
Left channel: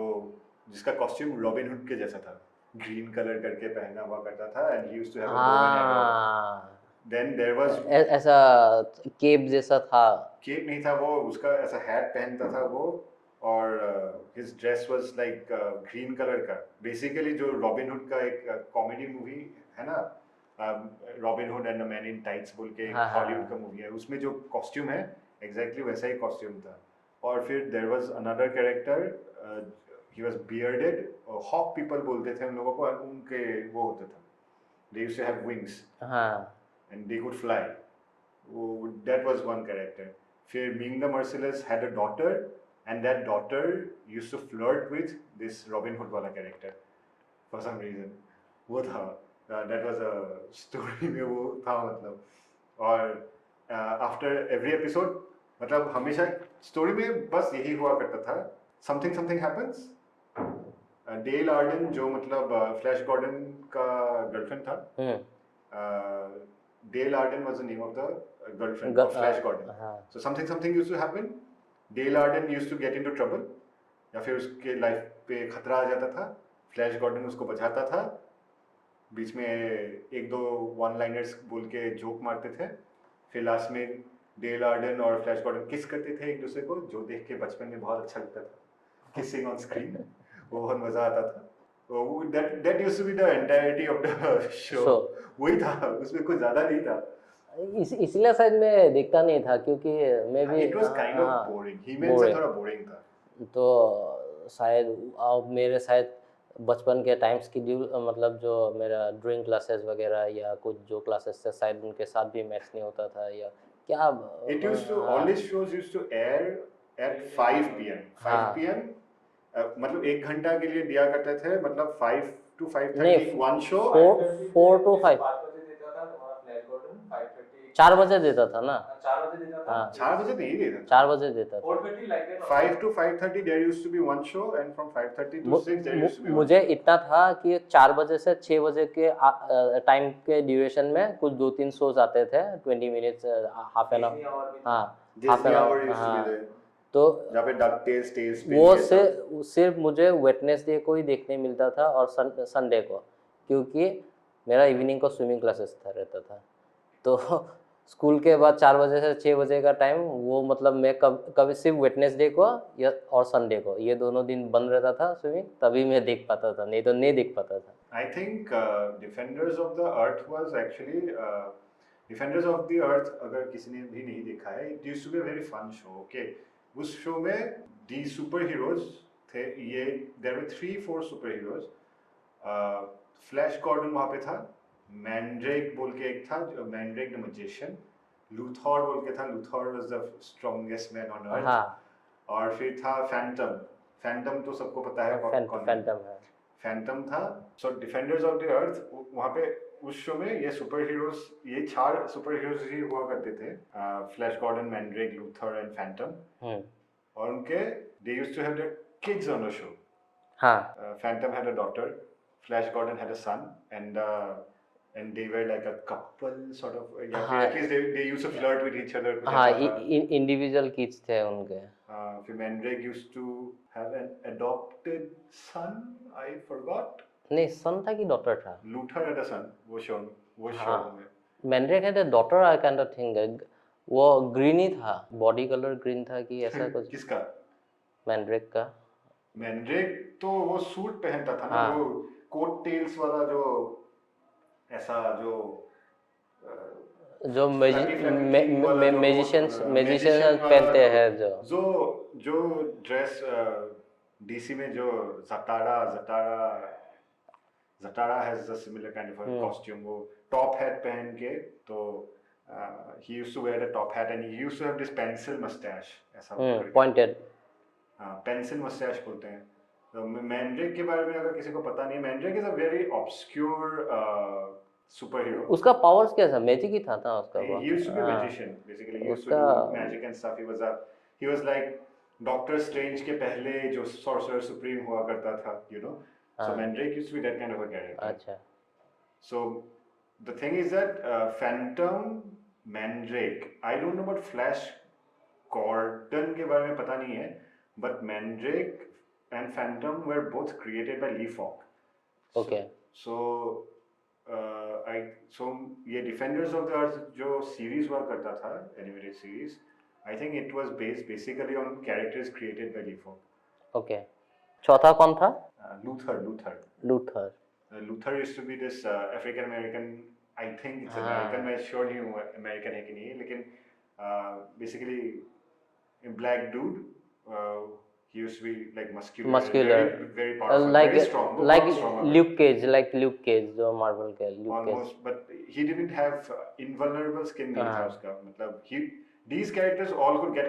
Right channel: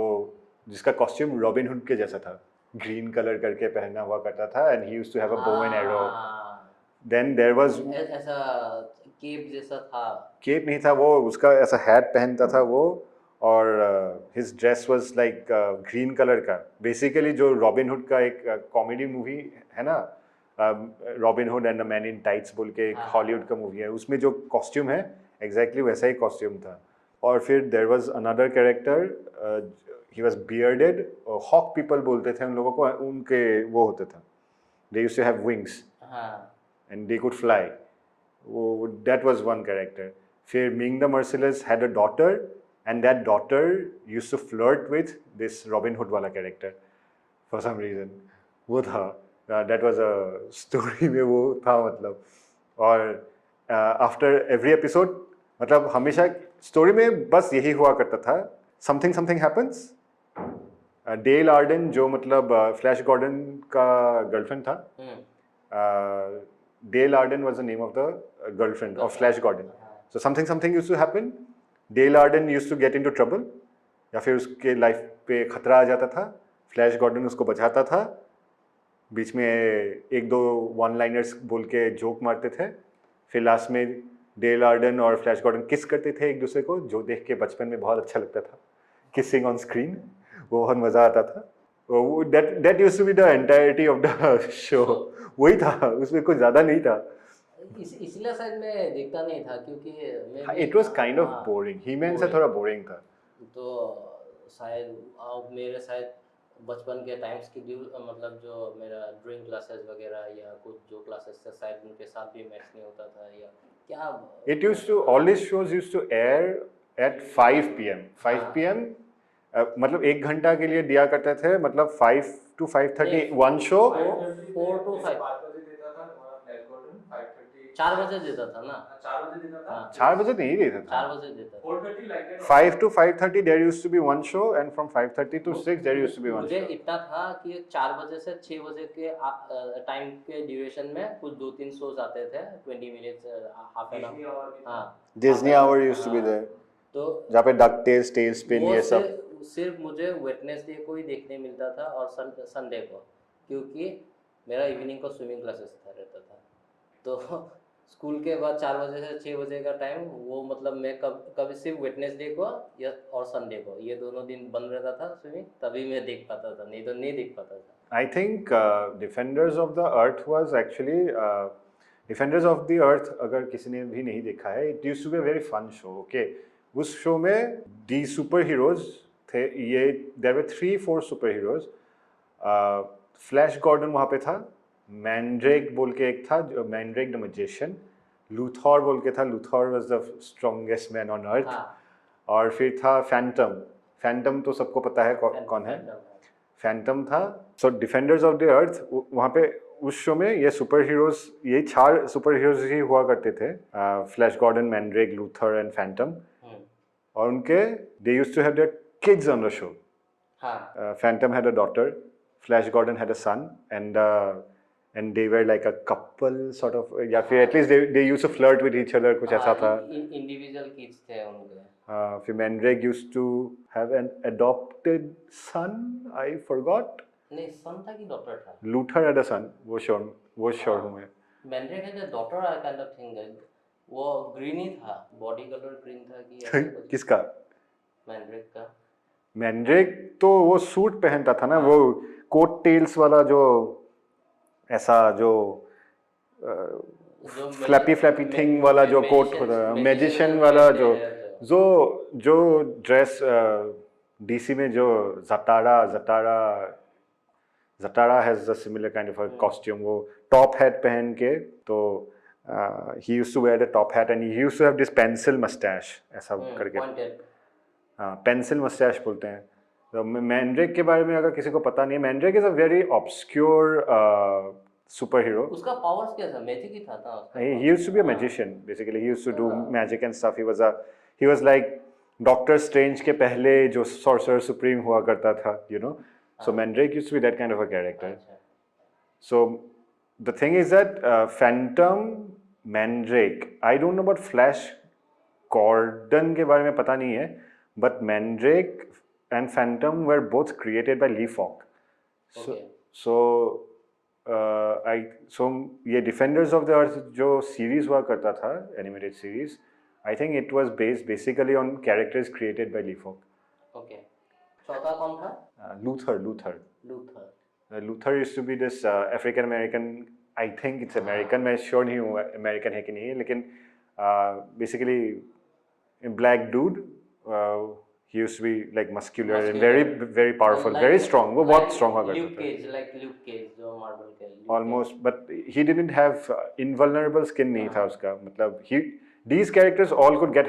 जिसका कॉस्ट्यूम रॉबिन हुड के जैसा था, ग्रीन कलर करके पहना हुआ करता था, and he used to have a bow and arrow. हाँ, देन देयर वाज ऐसा केप जैसा था। केप नहीं था वो, उसका ऐसा हैट पहनता था वो, और his dress was like green colour का। बेसिकली जो रॉबिन हुड का एक कॉमेडी मूवी है ना, robin hood and the man in tights बोल के एक हाँ, हॉलीवुड हाँ। का मूवी है, उसमें जो कॉस्ट्यूम है एग्जैक्टली वैसा ही कॉस्ट्यूम था। और फिर there was another character, he was bearded, hawk people बोलते थे उन लोगों को, उनके वो होते था, they used to have wings हाँ, and they could fly. That was one character. फिर Ming the Merciless had a daughter, and that daughter used to flirt with this Robin Hood वाला character for some reason. वो था, that was a story में वो था मतलब। और after every episode, मतलब हमेशा स्टोरी में बस यही हुआ करता था, something happens. डेल आर्डन जो मतलब फ्लैश गॉर्डन का गर्लफ्रेंड था, Dale Arden was the name of the girlfriend of Flash Gordon. So something used to happen. Dale Arden used to get into trouble, या फिर उसके लाइफ पे खतरा आ जाता था, फ्लैश गॉर्डन उसको बचाता था, बीच में एक दो वन लाइनर्स बोल के जोक मारते थे, फिर लास्ट में डेल आर्डन और फ्लैश गॉर्डन किस करते थे एक दूसरे को, जो देख के बचपन में बहुत अच्छा लगता था, किसिंग ऑन स्क्रीन, वो बहुत मजा आता था। That used to be the entirety of the show. वही था, उसमें कुछ ज्यादा नहीं था। इसलिए शायद मैं देखता नहीं था क्योंकि मैं भी It was kind of boring. He-Man से थोड़ा boring था। तो शायद मेरे शायद बचपन के टाइम स्केड्यूल, मतलब जो मेरा ड्राइंग क्लासेस वगैरह या कुछ जो क्लासेस थे शायद उनके साथ भी मैच नहीं होता था या क्या। It used to, all these shows used to air at 5 p.m. 5 p.m. मतलब 1 घंटा के लिए दिया करते थे, मतलब 5 to 5:30 one show। 4 to 5 5 बजे देता था फ्लैश गॉर्डन, 5:30 4 बजे देता था ना। 4 बजे देता था। हाँ। 4 बजे नहीं देता था। 4 बजे देता था। 4:30 like that। 5 to 5:30 there used to be one show, and from 5:30 to 6 there used to be one मुझे show। इतना था कि 4 बजे से 6 बजे के टाइम के ड्यूरेशन में कुछ 2-3 शोज आते थे, 20 minutes, half an Disney hour. hour भी हाँ, Disney half an Hour hour, used to be हाँ। there, तो जहाँ पे डक टेल्स, टेल्स स्पिन वो ये सब। सिर्फ मुझे वेडनेसडे को ही देखने मिलता था और संडे को, क्योंकि मेरा इवनिंग को स्विमिंग क्लासेस रहता था। तो स्कूल के बाद 4 बजे से 6 बजे का टाइम वो, मतलब मैं कभी सिर्फ वेडनेसडे को या और संडे को, ये दोनों दिन बंद रहता था स्विमिंग, तभी मैं देख पाता था, नहीं तो नहीं देख पाता था। I think Defenders of the Earth was actually Defenders of the Earth, अगर किसी ने भी नहीं देखा है, it used to be a very fun show. Okay, उस शो में the superheroes थे, ये there were 3-4 superheroes. Flash Gordon वहाँ पे था, मैंड्रेक बोल के एक था, जो मैंड्रेक द मैजिशियन, लूथर बोल के था, Luther was the strongest man on earth. हाँ, और फिर था फैंटम, फैंटम तो सबको पता है कौन है, फैंटम है। फैंटम था। सो डिफेंडर्स ऑफ द अर्थ, वहाँ पे उस शो में ये सुपर हीरोज, ये 4 सुपर हीरोज ही हुआ करते थे, Flash Gordon, Mandrake, Luther and Phantom. और उनके they used to have their kids on the show. हाँ, Phantom had a daughter, Flash Gordon had a son, and they were like a couple sort of, या फिर at least they used to flirt with each other, कुछ ऐसा था। Individual kids थे उनके। फिर Mandrake used to have an adopted son, I forgot, नहीं सन था कि डॉटर था लूथर had a son, वो श्योर हूँ मैं। मैंड्रेक है daughter I kind of think वो ग्रीन ही था बॉडी कलर ग्रीन था कि ऐसा कुछ किसका? मैंड्रेक का मैंड्रेक तो वो सूट पहनता था ना, हाँ। वो कोट टेल्स वाला जो ऐसा जो जो फ्लैपी थिंग वाला जो कोट होता है, मैजिशियन वाला जो जो ड्रेस डीसी में जो Zatara has a similar kind of a costume, वो टॉप हैट पहन के, तो he used to wear the top hat and he used to have this pencil moustache ऐसा करके, पॉइंटेड हाँ पेंसिल मस्टैच बोलते हैं। तो मैंड्रेक के बारे में अगर किसी को पता नहीं है, Mandrake is a very obscure super hero. उसका पावर्स क्या था मैजिक ही था उसका He used to be a magician basically. He used to do magic and stuff. He was like Doctor Strange के पहले जो Sorcerer Supreme हुआ करता था, you know. So Mandrake used to be that kind of a character. अच्छा So the thing is that Phantom, Mandrake, I don't know about Flash Gordon के बारे में पता नहीं है, but Mandrake and Phantom were both created by Lee Falk. Okay. So ये Defenders of the Earth जो series हुआ करता था animated series, I think it was based basically on characters created by Lee Falk. Okay चौथा कौन था Luther used to be this African American, I think it's American, मैं sure नहीं हूँ अमेरिकन है कि नहीं, लेकिन basically black dude, he used to be like muscular. very powerful, like, very strong, वो बहुत strong हो गया। Luke Cage जो मार्वल के almost, but he didn't have invulnerable skin नहीं था उसका, मतलब these characters all could get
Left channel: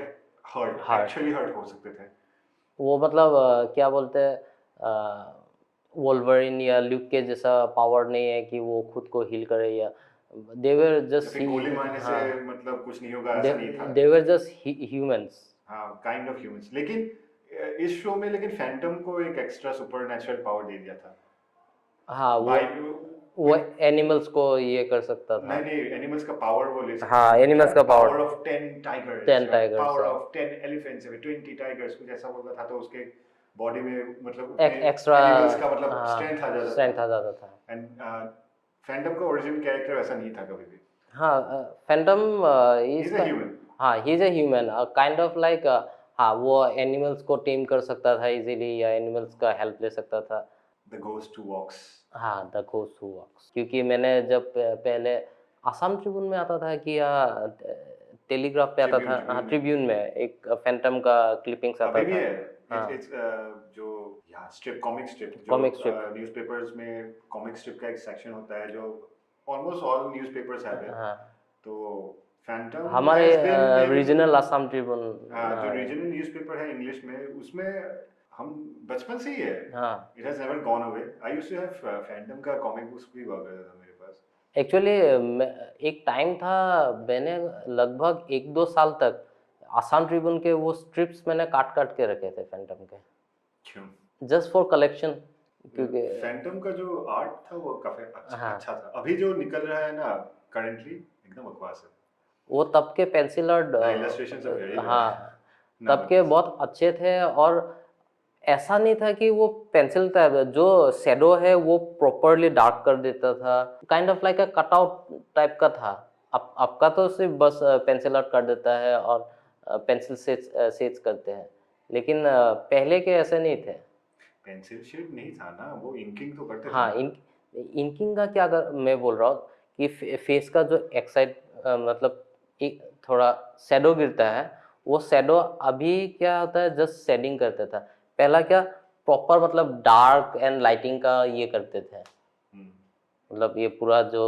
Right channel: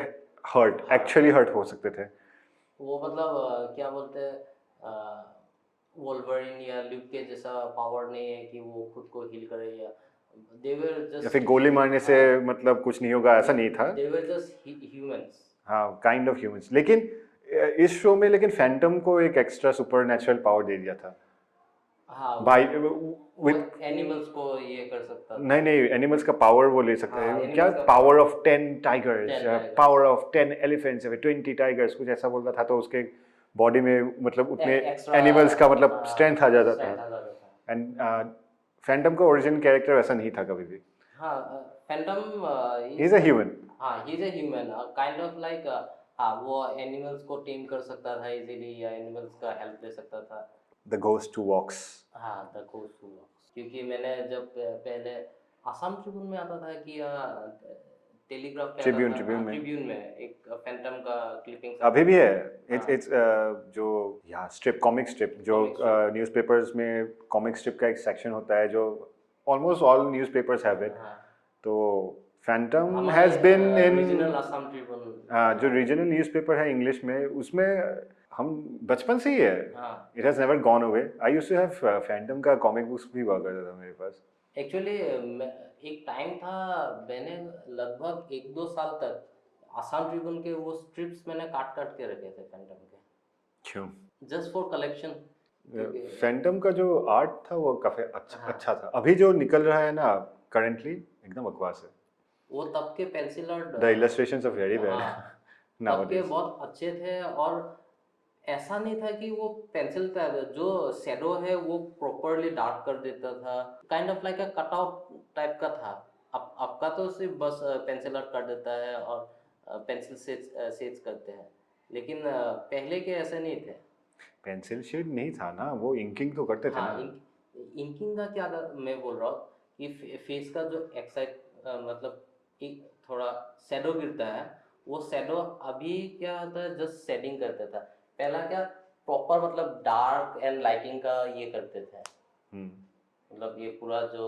hurt, actually hurt हो सकते थे। वो मतलब क्या बोलते हैं वोल्वरिन या ल्यूक केज जैसा पावर नहीं है कि वो खुद को हील करे, या they were just फिर गोली मारने से मतलब कुछ नहीं होगा ऐसा नहीं था, they were just humans। हाँ काइंड ऑफ ह्यूमंस, लेकिन इस शो में लेकिन फैंटम को एक एक्स्ट्रा सुपरनैचुरल पावर दे दिया था। हाँ वो एनिमल्स को ये कर सकता था। नहीं एनिमल्स का पावर वो ले सकता हाँ एनिमल्स का पावर ऑफ 10 टाइगर्स, पावर हाँ। ऑफ 10 एलिफेंट्स, 20 टाइगर्स, कुछ ऐसा बोलता था, तो उसके बॉडी में मतलब उतने एक्स्ट्रा एनिमल्स का मतलब स्ट्रेंथ आ जाता था। एंड फैंटम का ओरिजिन कैरेक्टर वैसा नहीं था कभी भी। हाँ Phantom he is a human, हाँ he is a human kind of like, हाँ वो एनिमल्स को टेम कर सकता था इजीली, या एनिमल्स का हेल्प ले सकता था। द घोस्ट हू वॉक्स, हाँ द घोस्ट हू वॉक्स, क्योंकि मैंने जब पहले आसाम ट्रिब्यून में आता था कि या टेलीग्राफ पे आता था, हाँ ट्रिब्यून में एक फैंटम का क्लिपिंग्स अभी भी है। इट्स जो या स्ट्रिप, कॉमिक स्ट्रिप जो न्यूज़पेपर्स में कॉमिक स्ट्रिप का एक सेक्शन होता है जो almost all newspapers have it. तो Phantom has been in regional Assam Tribune, जो रीजनल न्यूज़पेपर है इंग्लिश में, उसमें हम बचपन से ही है। It has never gone away. I used to have Phantom का कॉमिक बुक्स भी हुआ करता था मेरे पास। एक्चुअली एक टाइम था मैंने लगभग 1-2 साल तक आसाम ट्रिब्यून के वो स्ट्रिप्स मैंने काट के रखे थे फैंटम के, क्यों? जस्ट फॉर कलेक्शन, क्योंकि फैंटम का जो आर्ट था वो काफी अच्छा था। अभी जो निकल रहा है ना करंटली एकदम बकवास है। वो तब के pencil art illustrations are very bad. हाँ तब के बहुत अच्छे थे, और ऐसा नहीं था कि वो पेंसिल टाइप जो शेडो है वो प्रॉपरली डार्क कर देता था, kind of like a cutout type का था। आपका तो सिर्फ बस पेंसिल आर्ट कर देता है और पेंसिल शेड्स करते हैं, लेकिन पहले के ऐसे नहीं थे। पेंसिल शेड नहीं था ना, वो इंकिंग तो करते थे। हाँ इंकिंग का क्या मैं बोल रहा हूँ कि फेस का जो एक साइड मतलब एक थोड़ा शेडो गिरता है, वो शेडो अभी क्या होता है जस्ट शेडिंग करता था, पहला क्या प्रॉपर मतलब डार्क एंड लाइटिंग का ये करते थे। मतलब ये पूरा जो,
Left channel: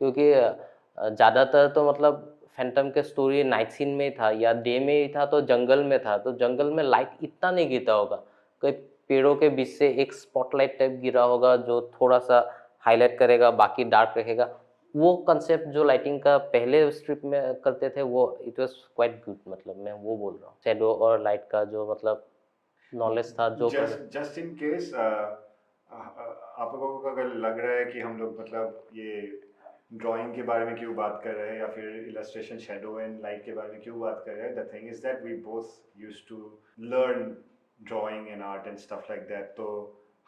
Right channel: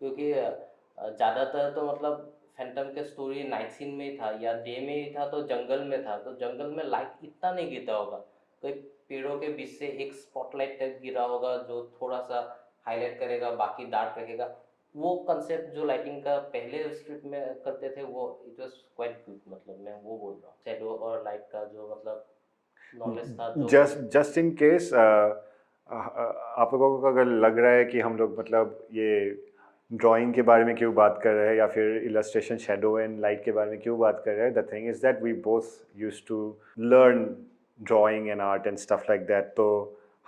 क्योंकि ज़्यादातर तो मतलब फैंटम के स्टोरी नाइट सीन में ही था या डे में ही था, तो जंगल में था, तो जंगल में लाइट इतना नहीं गिरता होगा, कोई पेड़ों के बीच से एक स्पॉटलाइट टाइप गिरा होगा जो थोड़ा सा हाईलाइट करेगा, बाकी डार्क रखेगा। वो कंसेप्ट जो लाइटिंग का पहले स्ट्रिप में करते थे वो इट वाज क्वाइट गुड, मतलब मैं वो बोल रहा हूँ शेडो और लाइट का जो मतलब नॉलेज था। जो जस्ट इन केस आप लोगों को अगर लग रहा है कि हम लोग मतलब ये ड्राइंग के बारे में क्यों बात कर रहे हैं या फिर इलस्ट्रेशन शेडो एंड लाइट के बारे में क्यों बात कर रहे हैं, the thing is that we both used to learn drawing and art and stuff like that. तो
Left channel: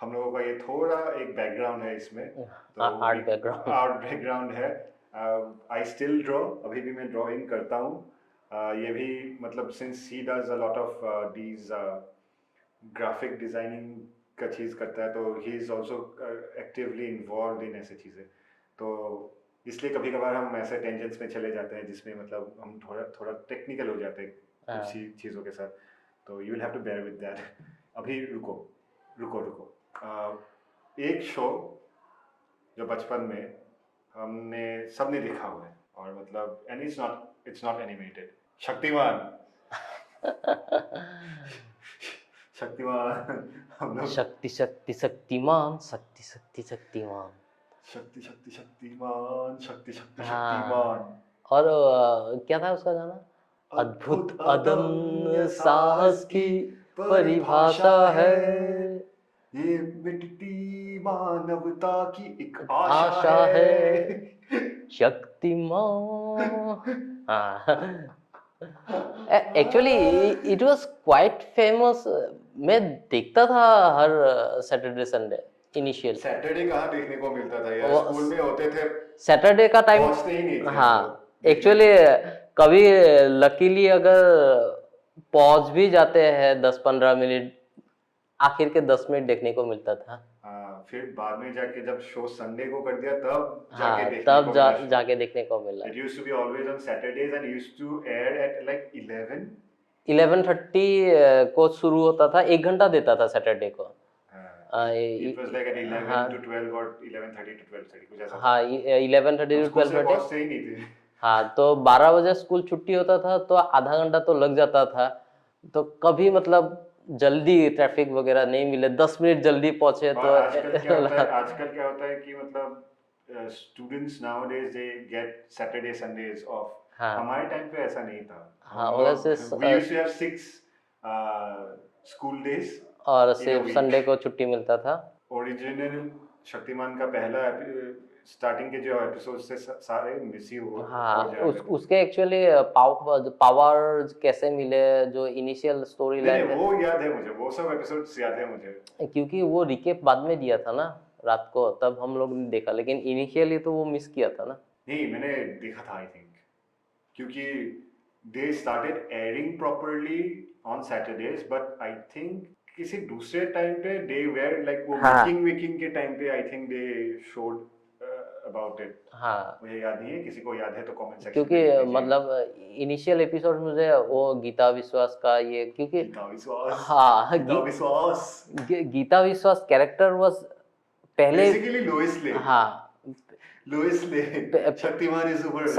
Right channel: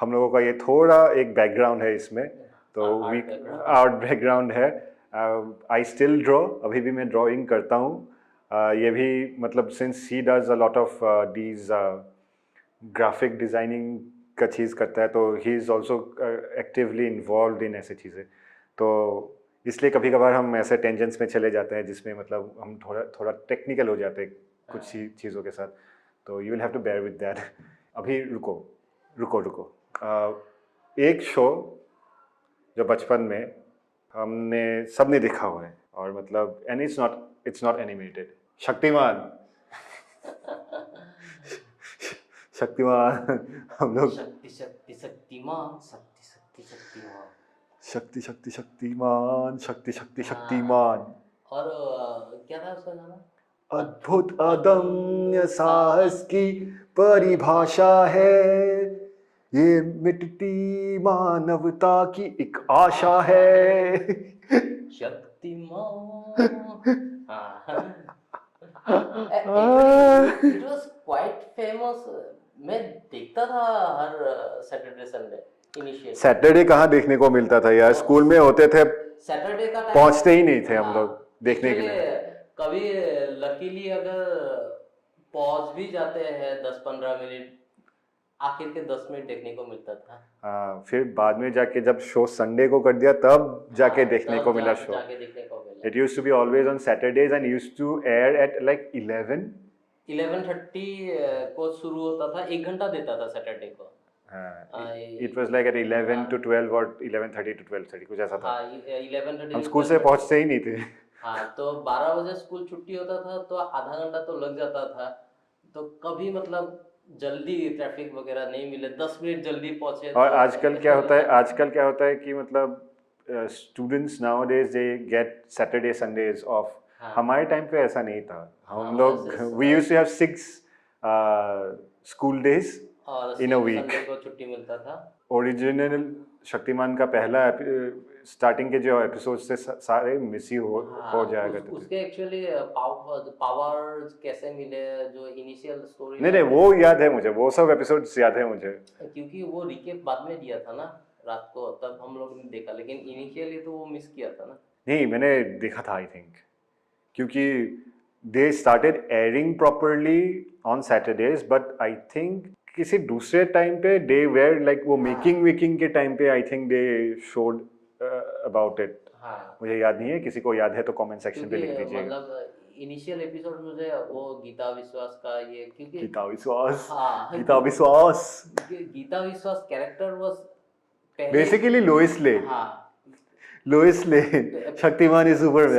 हम लोगों का ये थोड़ा एक बैकग्राउंड है इसमें, तो Art background. आर्ट बैकग्राउंड है। आई स्टिल ड्रॉ, अभी भी मैं ड्राइंग करता हूँ। ये भी मतलब since he does a lot of these graphic designing का चीज़ करता है, तो he is also actively involve in ऐसे चीज़ें। तो इसलिए कभी कभार हम ऐसे टेंजेंट्स में चले जाते हैं जिसमें मतलब हम थोड़ा थोड़ा टेक्निकल हो जाते हैं कुछ चीज़ों के साथ, तो you will have to bear with that. अभी रुको रुको रुको, एक शो जो बचपन में हमने सबने देखा हुआ है, और मतलब and it's not animated, Shaktimaan. Shaktimaan हम लोग शक्ति शक्ति शक्तिमान, शक्ति शक्ति शक्तिमान। शक्ति शक्ति शक्तिमान, शक्ति शक्ति हाँ। शक्तिमान। और क्या था उसका गाना? अद्भुत अदम्य साहस की परिभाषा है, ये मिटती मानवता की एक आशा है। Shaktimaan. Actually it was quite famous. मैं देखता था हर सैटरडे संडे इनिशियल। सैटरडे कहाँ देखने को मिलता था यार, स्कूल में होते थे, सैटरडे का टाइम पहुंचते ही नहीं थे हम लोग देखने एक्चुअली के लिए। कभी लकीली अगर पहुंच भी जाते हैं 10-15 मिनट, आखिर के 10 मिनट देखने को मिलता था। हाँ, फिर बाद में जाके जब शो संडे को कर दिया तब जाके देखने तब को मिला शो। जाके देखने को मिला। It used to be always on Saturdays and used to air at like 11:30 को शुरू होता था, 1 घंटा देता था सैटरडे को। It was like at 11 to 12 or 11:30 to 12:30 कुछ ऐसा था। हाँ, 11:30 हम to स्कूल से 12:30। पहुंचते ही नहीं थे। हाँ, तो 12 बजे स्कूल छुट्टी होता था, तो आधा घंटा तो लग जाता था। तो कभी मतलब जल्दी ट्रैफिक वगैरह नहीं मिले, 10 मिनट जल्दी पहुंचे। और तो आजकल क्या होता है कि मतलब students nowadays they get Saturday Sundays of. हाँ। हमारे टाइम पे ऐसा नहीं था। हाँ, हम लोग वैसे we used to have 6 school days और in a सिर्फ week। संडे को छुट्टी मिलता था। ओरिजिनल शक्तिमान का पहला स्टार्टिंग के जो एपिसोड्स थे सारे मिस ही हो जाया करते थे। उसके एक्चुअली पावर्स कैसे मिले, जो इनिशियल स्टोरी नहीं वो याद है मुझे, वो सब एपिसोड्स याद है मुझे, क्योंकि वो रिकेप बाद में दिया था ना रात को, तब हम लोग ने देखा, लेकिन इनिशियली तो वो मिस किया था ना। नहीं मैंने देखा था आई थिंक, क्योंकि they started airing properly on Saturdays, but I think किसी दूसरे टाइम पे दे वेयर लाइक वो मेकिंग के टाइम पे I think they showed about it. हाँ, मुझे याद नहीं है, किसी को याद है तो कमेंट सेक्शन क्योंकि पे लिख दीजिए। मतलब इनिशियल एपिसोड मुझे वो गीता विश्वास का ये, क्योंकि गीता विश्वास, हाँ, गीता विश्वास कैरेक्टर वाज पहले बेसिकली लोइस ले। हाँ, लोइस ले शक्तिमान इज सुपरमैन।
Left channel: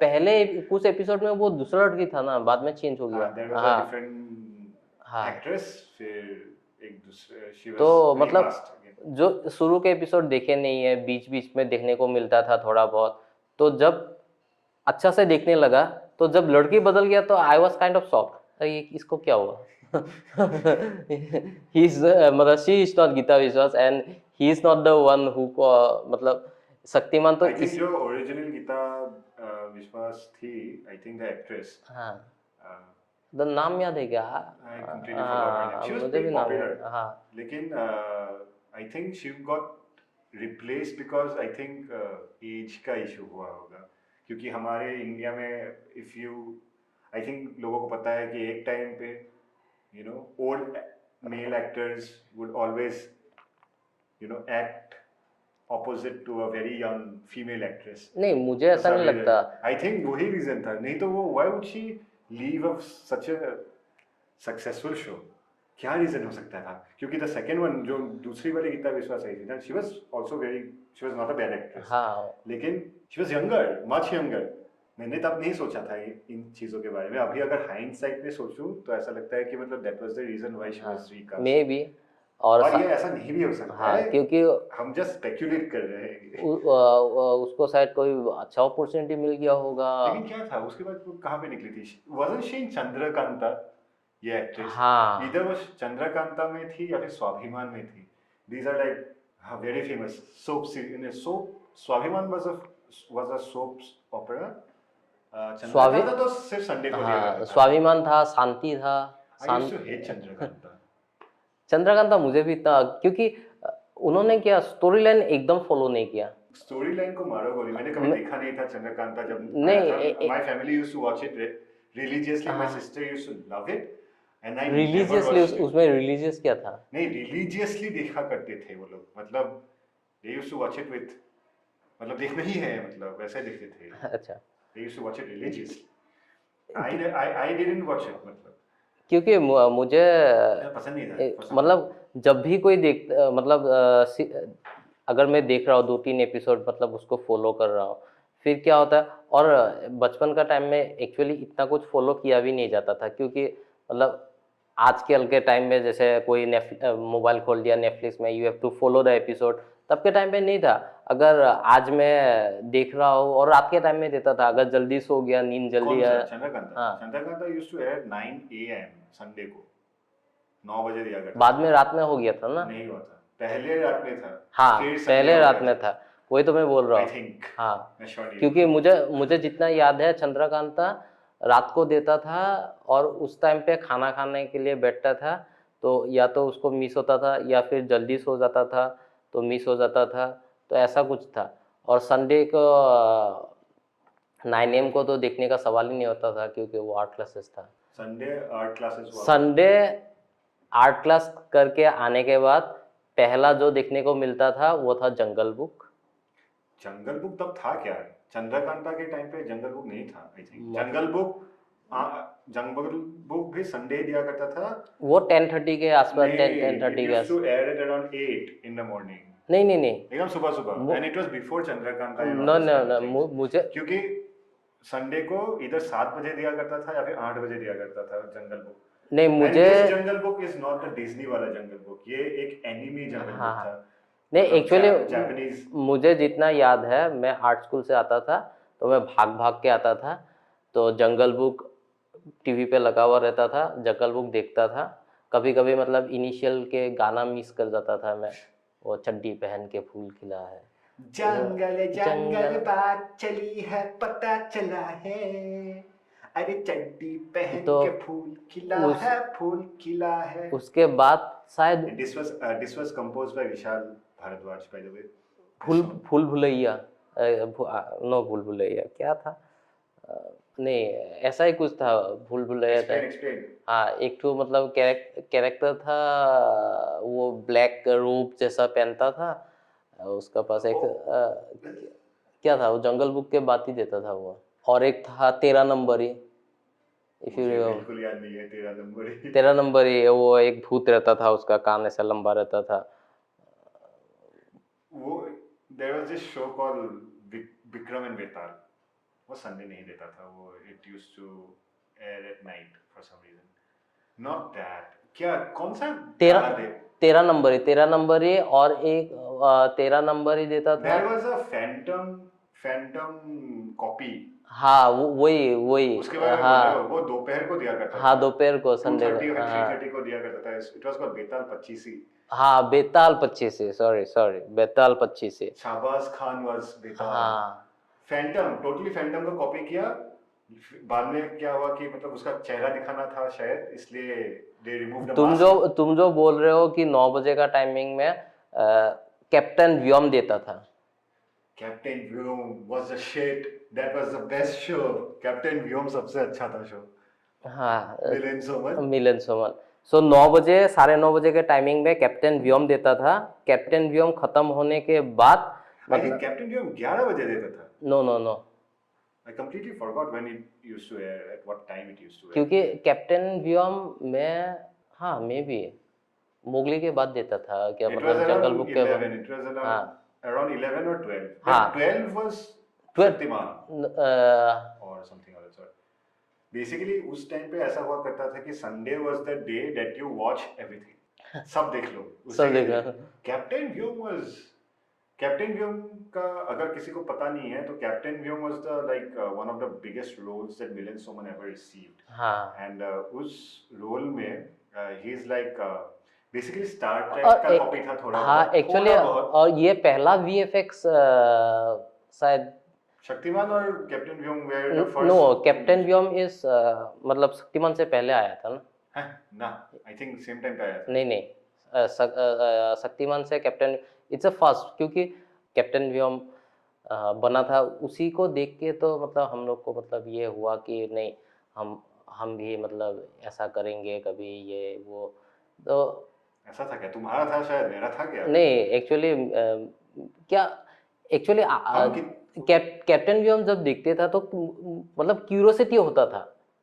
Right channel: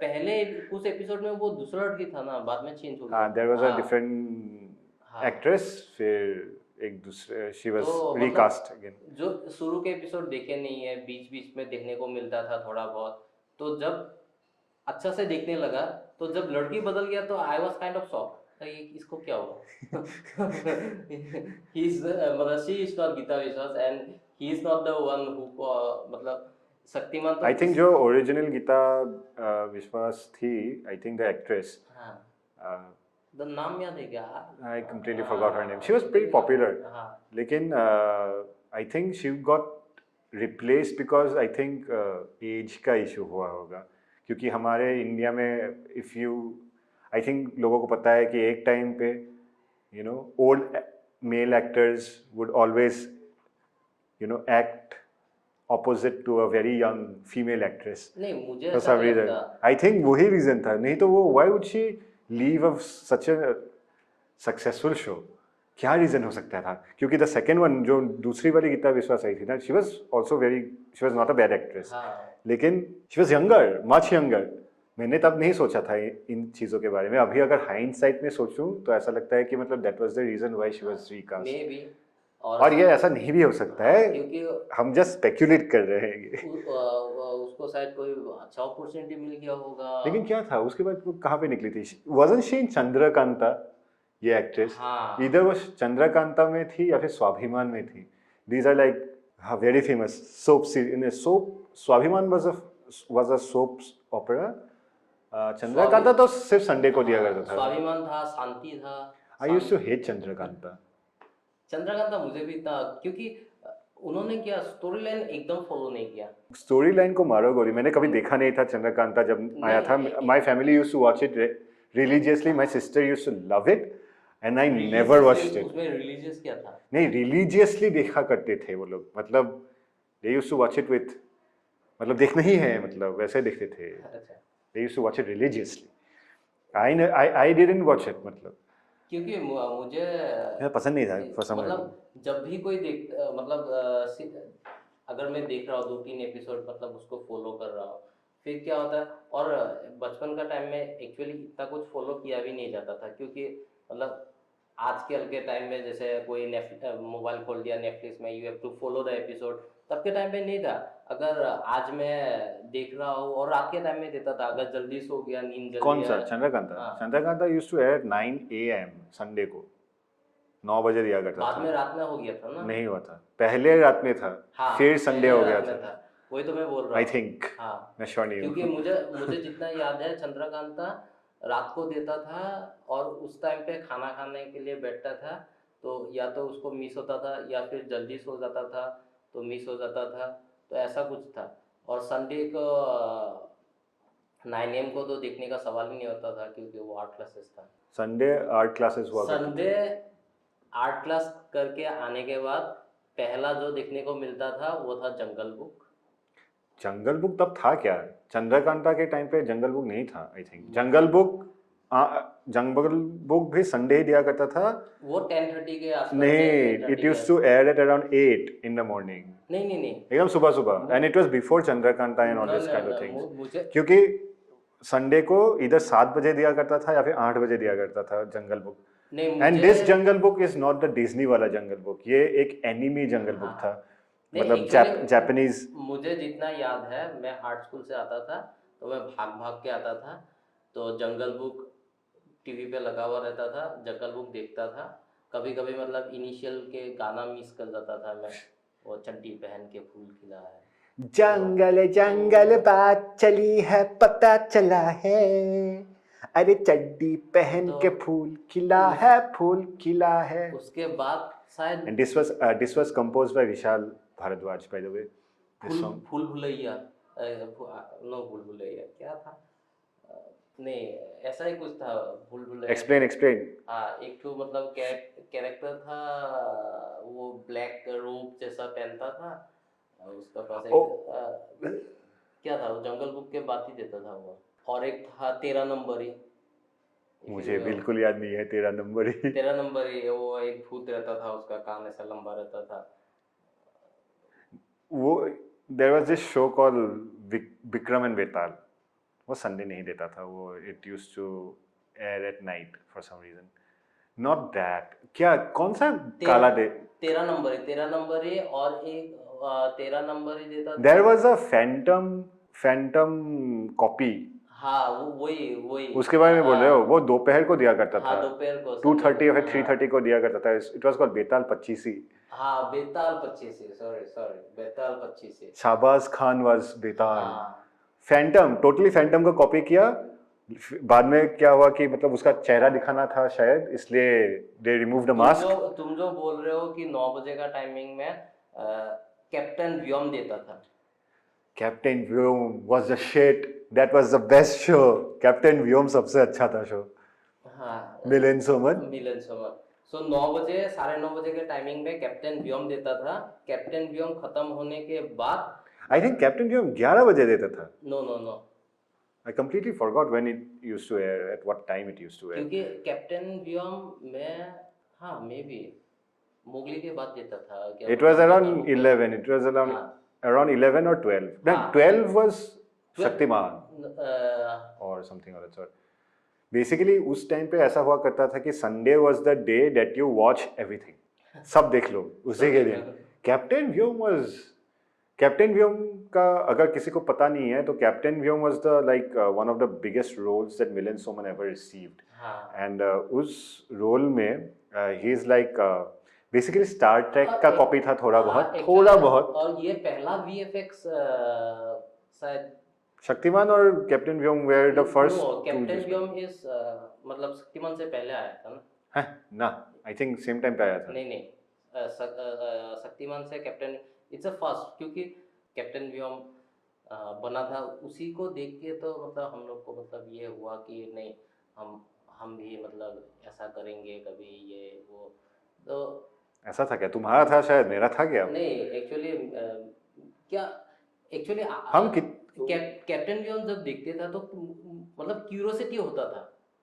पहले कुछ एपिसोड में वो दूसरा लड़की था ना, बाद में चेंज हो गया। There was a different actress, फिर एक दूसरे शी वाज तो मतलब रिकास्ट अगेन। जो शुरू के एपिसोड देखे नहीं है, बीच बीच में देखने को मिलता था थोड़ा बहुत, तो जब अच्छा से देखने लगा, तो जब लड़की बदल गया तो I was kind of shock, ये इसको क्या हुआ। ही इज मतलब शी इज नॉट गीता विश्वास and he is not the one who मतलब शक्तिमान तो आई थिंक जो ओरिजिनल गीता विश्वास थी, आई थिंक द एक्ट्रेस, हाँ, द नाम याद है क्या? I completely forgot her name. She was pretty popular. हाँ, लेकिन I think she got replaced because I think age का issue हुआ होगा, क्योंकि हमारे इंडिया में if you I think लोगों को पता है कि एक टाइम पे you know old male actors would always you know act opposite to a very young female actress. नहीं मुझे ऐसा नहीं लगता। I think वही reason था, नहीं तो वो why would she leave of such a successful show? क्या रीजन हो सकता था? क्योंकि द सेकंड वन जो दूसरी वाली गीता विश्वास आई थी ना, she was not a bad actress, लेकिन she was younger, much younger. मैंने तब नहीं सोचा था इन चीजों के बारे में। अभी अगर हाइंडसाइट में सोचूं तो ऐसा लगता है कि मतलब that was the reason why she was recast. Maybe, और ये ऐसा नहीं भी हो सकता है, क्योंकि हम जस्ट स्पेक्युलेट कर रहे हैं। उसको शायद कोई अच्छा अपॉर्चुनिटी मिल गया होगा। लेकिन क्या था उसके बाद, वो कहाँ पे निकली थी? वाजंट शी इन चंद्रकांता, ये एक्ट्रेस? हाँ, इधर वो चंद्रकांता में थी या फिर स्वाभिमान में थी। These are like very famous soap series. Swabhimaan was a soap opera. Chandrakanta तो सिर्फ संडे को दिया गया था। स्वाभिमान था, शांति था। I used to hate Chandrakanta. Chandrakanta मुझे भी इतना, क्योंकि उन्होंने क्या स्टोरी लाइन एकदम फॉलो नहीं किया। स्टोरी लाइन को मारो गोली, मैंने कभी देखा नहीं था चंद्रकांता जब आया था। My family used to watch it religiously, my sister used to love it and I never watched it. उसमें रिलीजियस क्या था? नहीं, रिलीजियसली देखा करते थे वो लोग, मतलब they used to watch it with, मतलब देखना ही है, मतलब वैसे देखते थे। अच्छा, they used to watch it religiously. I didn't watch it, मतलब क्योंकि मुझे पसंद नहीं था for some मतलब reason। जब भी कोई मतलब अगर मैं देख रहा हूँ 2-3 एपिसोड, मतलब उसको फॉलो कर रहा हूँ, फिर क्या होता है, और बचपन का टाइम में एक्चुअली इतना कुछ फॉलो किया भी नहीं जाता था, क्योंकि मतलब आजकल के टाइम में जैसे कोई मोबाइल खोल दिया नेटफ्लिक्स में, you have to follow the episode, तब के टाइम पे नहीं था। अगर आज मैं देख रहा हूँ, और रात के टाइम में देता था, अगर जल्दी सो गया, नींद जल्दी कौन सा आया। चंद्रकांता? हाँ। Chandrakanta used to air at 9 AM Sunday को, 9 बजे दिया करता बाद था। में रात में हो गया था ना? नहीं हुआ था, पहले रात में था, हाँ, फिर संडे पहले हो गया रात में था, वही तो मैं बोल रहा आई हूँ। थिंक। हाँ, मैं श्योर नहीं क्योंकि हूँ। मुझे जितना याद है, चंद्रकांता रात को देता था, और उस टाइम पे खाना खाने के लिए बैठता था, तो या तो उसको मिस होता था, या फिर जल्दी सो जाता था तो मिस हो जाता था, तो ऐसा कुछ था। और संडे को 9 AM को तो देखने का सवाल ही नहीं होता था, क्योंकि वो आर्ट क्लासेस था। संडे आर्ट क्लासेस हुआ। संडे आर्ट क्लास करके आने के बाद पहला जो देखने को मिलता था वो था जंगल बुक। जंगल बुक तब था क्या? चंद्रकांता के टाइम पे जंगल बुक नहीं था आई थिंक। जंगल बुक भी संडे ही दिया करता था। वो 10:30 के आसपास, 10:30 इट के used to air at around 8 in the morning। नहीं, एकदम सुबह सुबह, and it was before Chandrakanta and all no this no kind of no, things. मुझे क्योंकि संडे को इधर 7 बजे दिया करता था या फिर 8 बजे दिया करता था जंगल बुक। नहीं, एंड मुझे this jungle book is not the Disney वाला जंगल बुक, ये एक एनिमी जंगल बुक था। नहीं, मतलब एक्चुअली जापानीज। मुझे जितना याद है, मैं आर्ट स्कूल से आता था, तो मैं भाग भाग के आता था, तो जंगल बुक टीवी पे लगा हुआ रहता था, जंगल बुक देखता था। कभी कभी मतलब इनिशियल के गाना मिस कर जाता था मैं, वो चड्डी पहन के फूल खिला है, जंगल जंगल बात चली है, पता चला है, अरे चड्डी पहन तो के फूल खिला उस- है, फूल खिला है। उसके बाद शायद And this was composed by Vishal Bharadwaj, by the way. This song. भूल भुलैया, नो भूल भुलैया क्या था, नहीं ऐसा ही कुछ था, भूल भुलैया था। Explain. हाँ, एक तो मतलब कैरेक्टर था, वो ब्लैक रूप जैसा पहनता था, उसका पास एक क्या था, वो जंगल बुक के बाद ही देता था वो। और एक था 13 नंबर ही, मुझे बिल्कुल याद नहीं है 13 नंबर ही। 13 नंबर ही, वो एक भूत रहता था, उसका कान ऐसा लंबा रहता था। वो there was this show called Vikram and Betal. वो संडे नहीं देता था वो, it used to air at night for some reason. Not that. क्या कौन सा काला दे? 13 नंबर ही, 13 नंबर ही, और एक 13 नंबर ही देता था। There was a phantom copy. हाँ, वही उसके बारे में बोल रहे हो? वो दोपहर को दिया करता था। हाँ, दोपहर को 2:30 या फिर 3:30 को दिया करता था। It was called Betaal 25। हाँ, बेताल 25, सॉरी बेताल 25। शाहबाज खान was बेताल। हाँ, फैंटम, टोटली फैंटम को कॉपी किया। बाद में क्या हुआ कि मतलब उसका चेहरा दिखाना था शायद, इसलिए दे रिमूव द मास्क। तुम जो बोल रहे हो कि 9 बजे का टाइमिंग में कैप्टन व्योम देता था। Captain Vyom was the shit, that was the best show। Captain Vyom सबसे अच्छा था शो। हाँ, मिलन सोमन। सो 9 बजे, 9:30 बजे के टाइमिंग में कैप्टन व्योम देता था। कैप्टन व्योम खत्म होने के बाद आई थिंक कैप्टन व्योम 11 बजे देता था। No, I completely forgot when it used to air, at what time it used to air। क्योंकि कैप्टन व्योम में, हाँ मे बी मोगली के बाद देता था क्या? It was jungle around book के 11, it was around 11 or 12। No, हाँ। 12 was 12 शक्तिमान बाद or something or that sort। Basically उस टाइम पे ऐसा हुआ करता था कि Sunday was the day that you watch everything। सब देख लो उसी के दिन। कैप्टन व्योम का अगर किसी को पता नहीं है तो captain Vyom was the like one of the biggest roles that Milan Soman ever received। हाँ, and उस रोल में he is like basically Star Trek का कॉपी था थोड़ा हाँ, बहुत, actually, थोड़ा बहुत। और ये पहला VFX शायद, शक्तिमान और captain Vyom were the first। No, captain Vyom मतलब शक्तिमान से पहले आया था ना? है ना, आई थिंक सेम टाइम पे आया था। नहीं, शक्तिमान से कैप्टन इट्स अ फर्स्ट, क्योंकि कैप्टन व्योम बना था, उसी को देख के तो मतलब हम लोग को मतलब ये हुआ कि नहीं, हम भी मतलब ऐसा करेंगे कभी, ये वो। तो ऐसा था क्या? तुम्हारा था शायद, मेरा था क्या? नहीं एक्चुअली क्या, एक्चुअली हम कैप्टन व्योम जब देखते था तो मतलब क्यूरियोसिटी होता था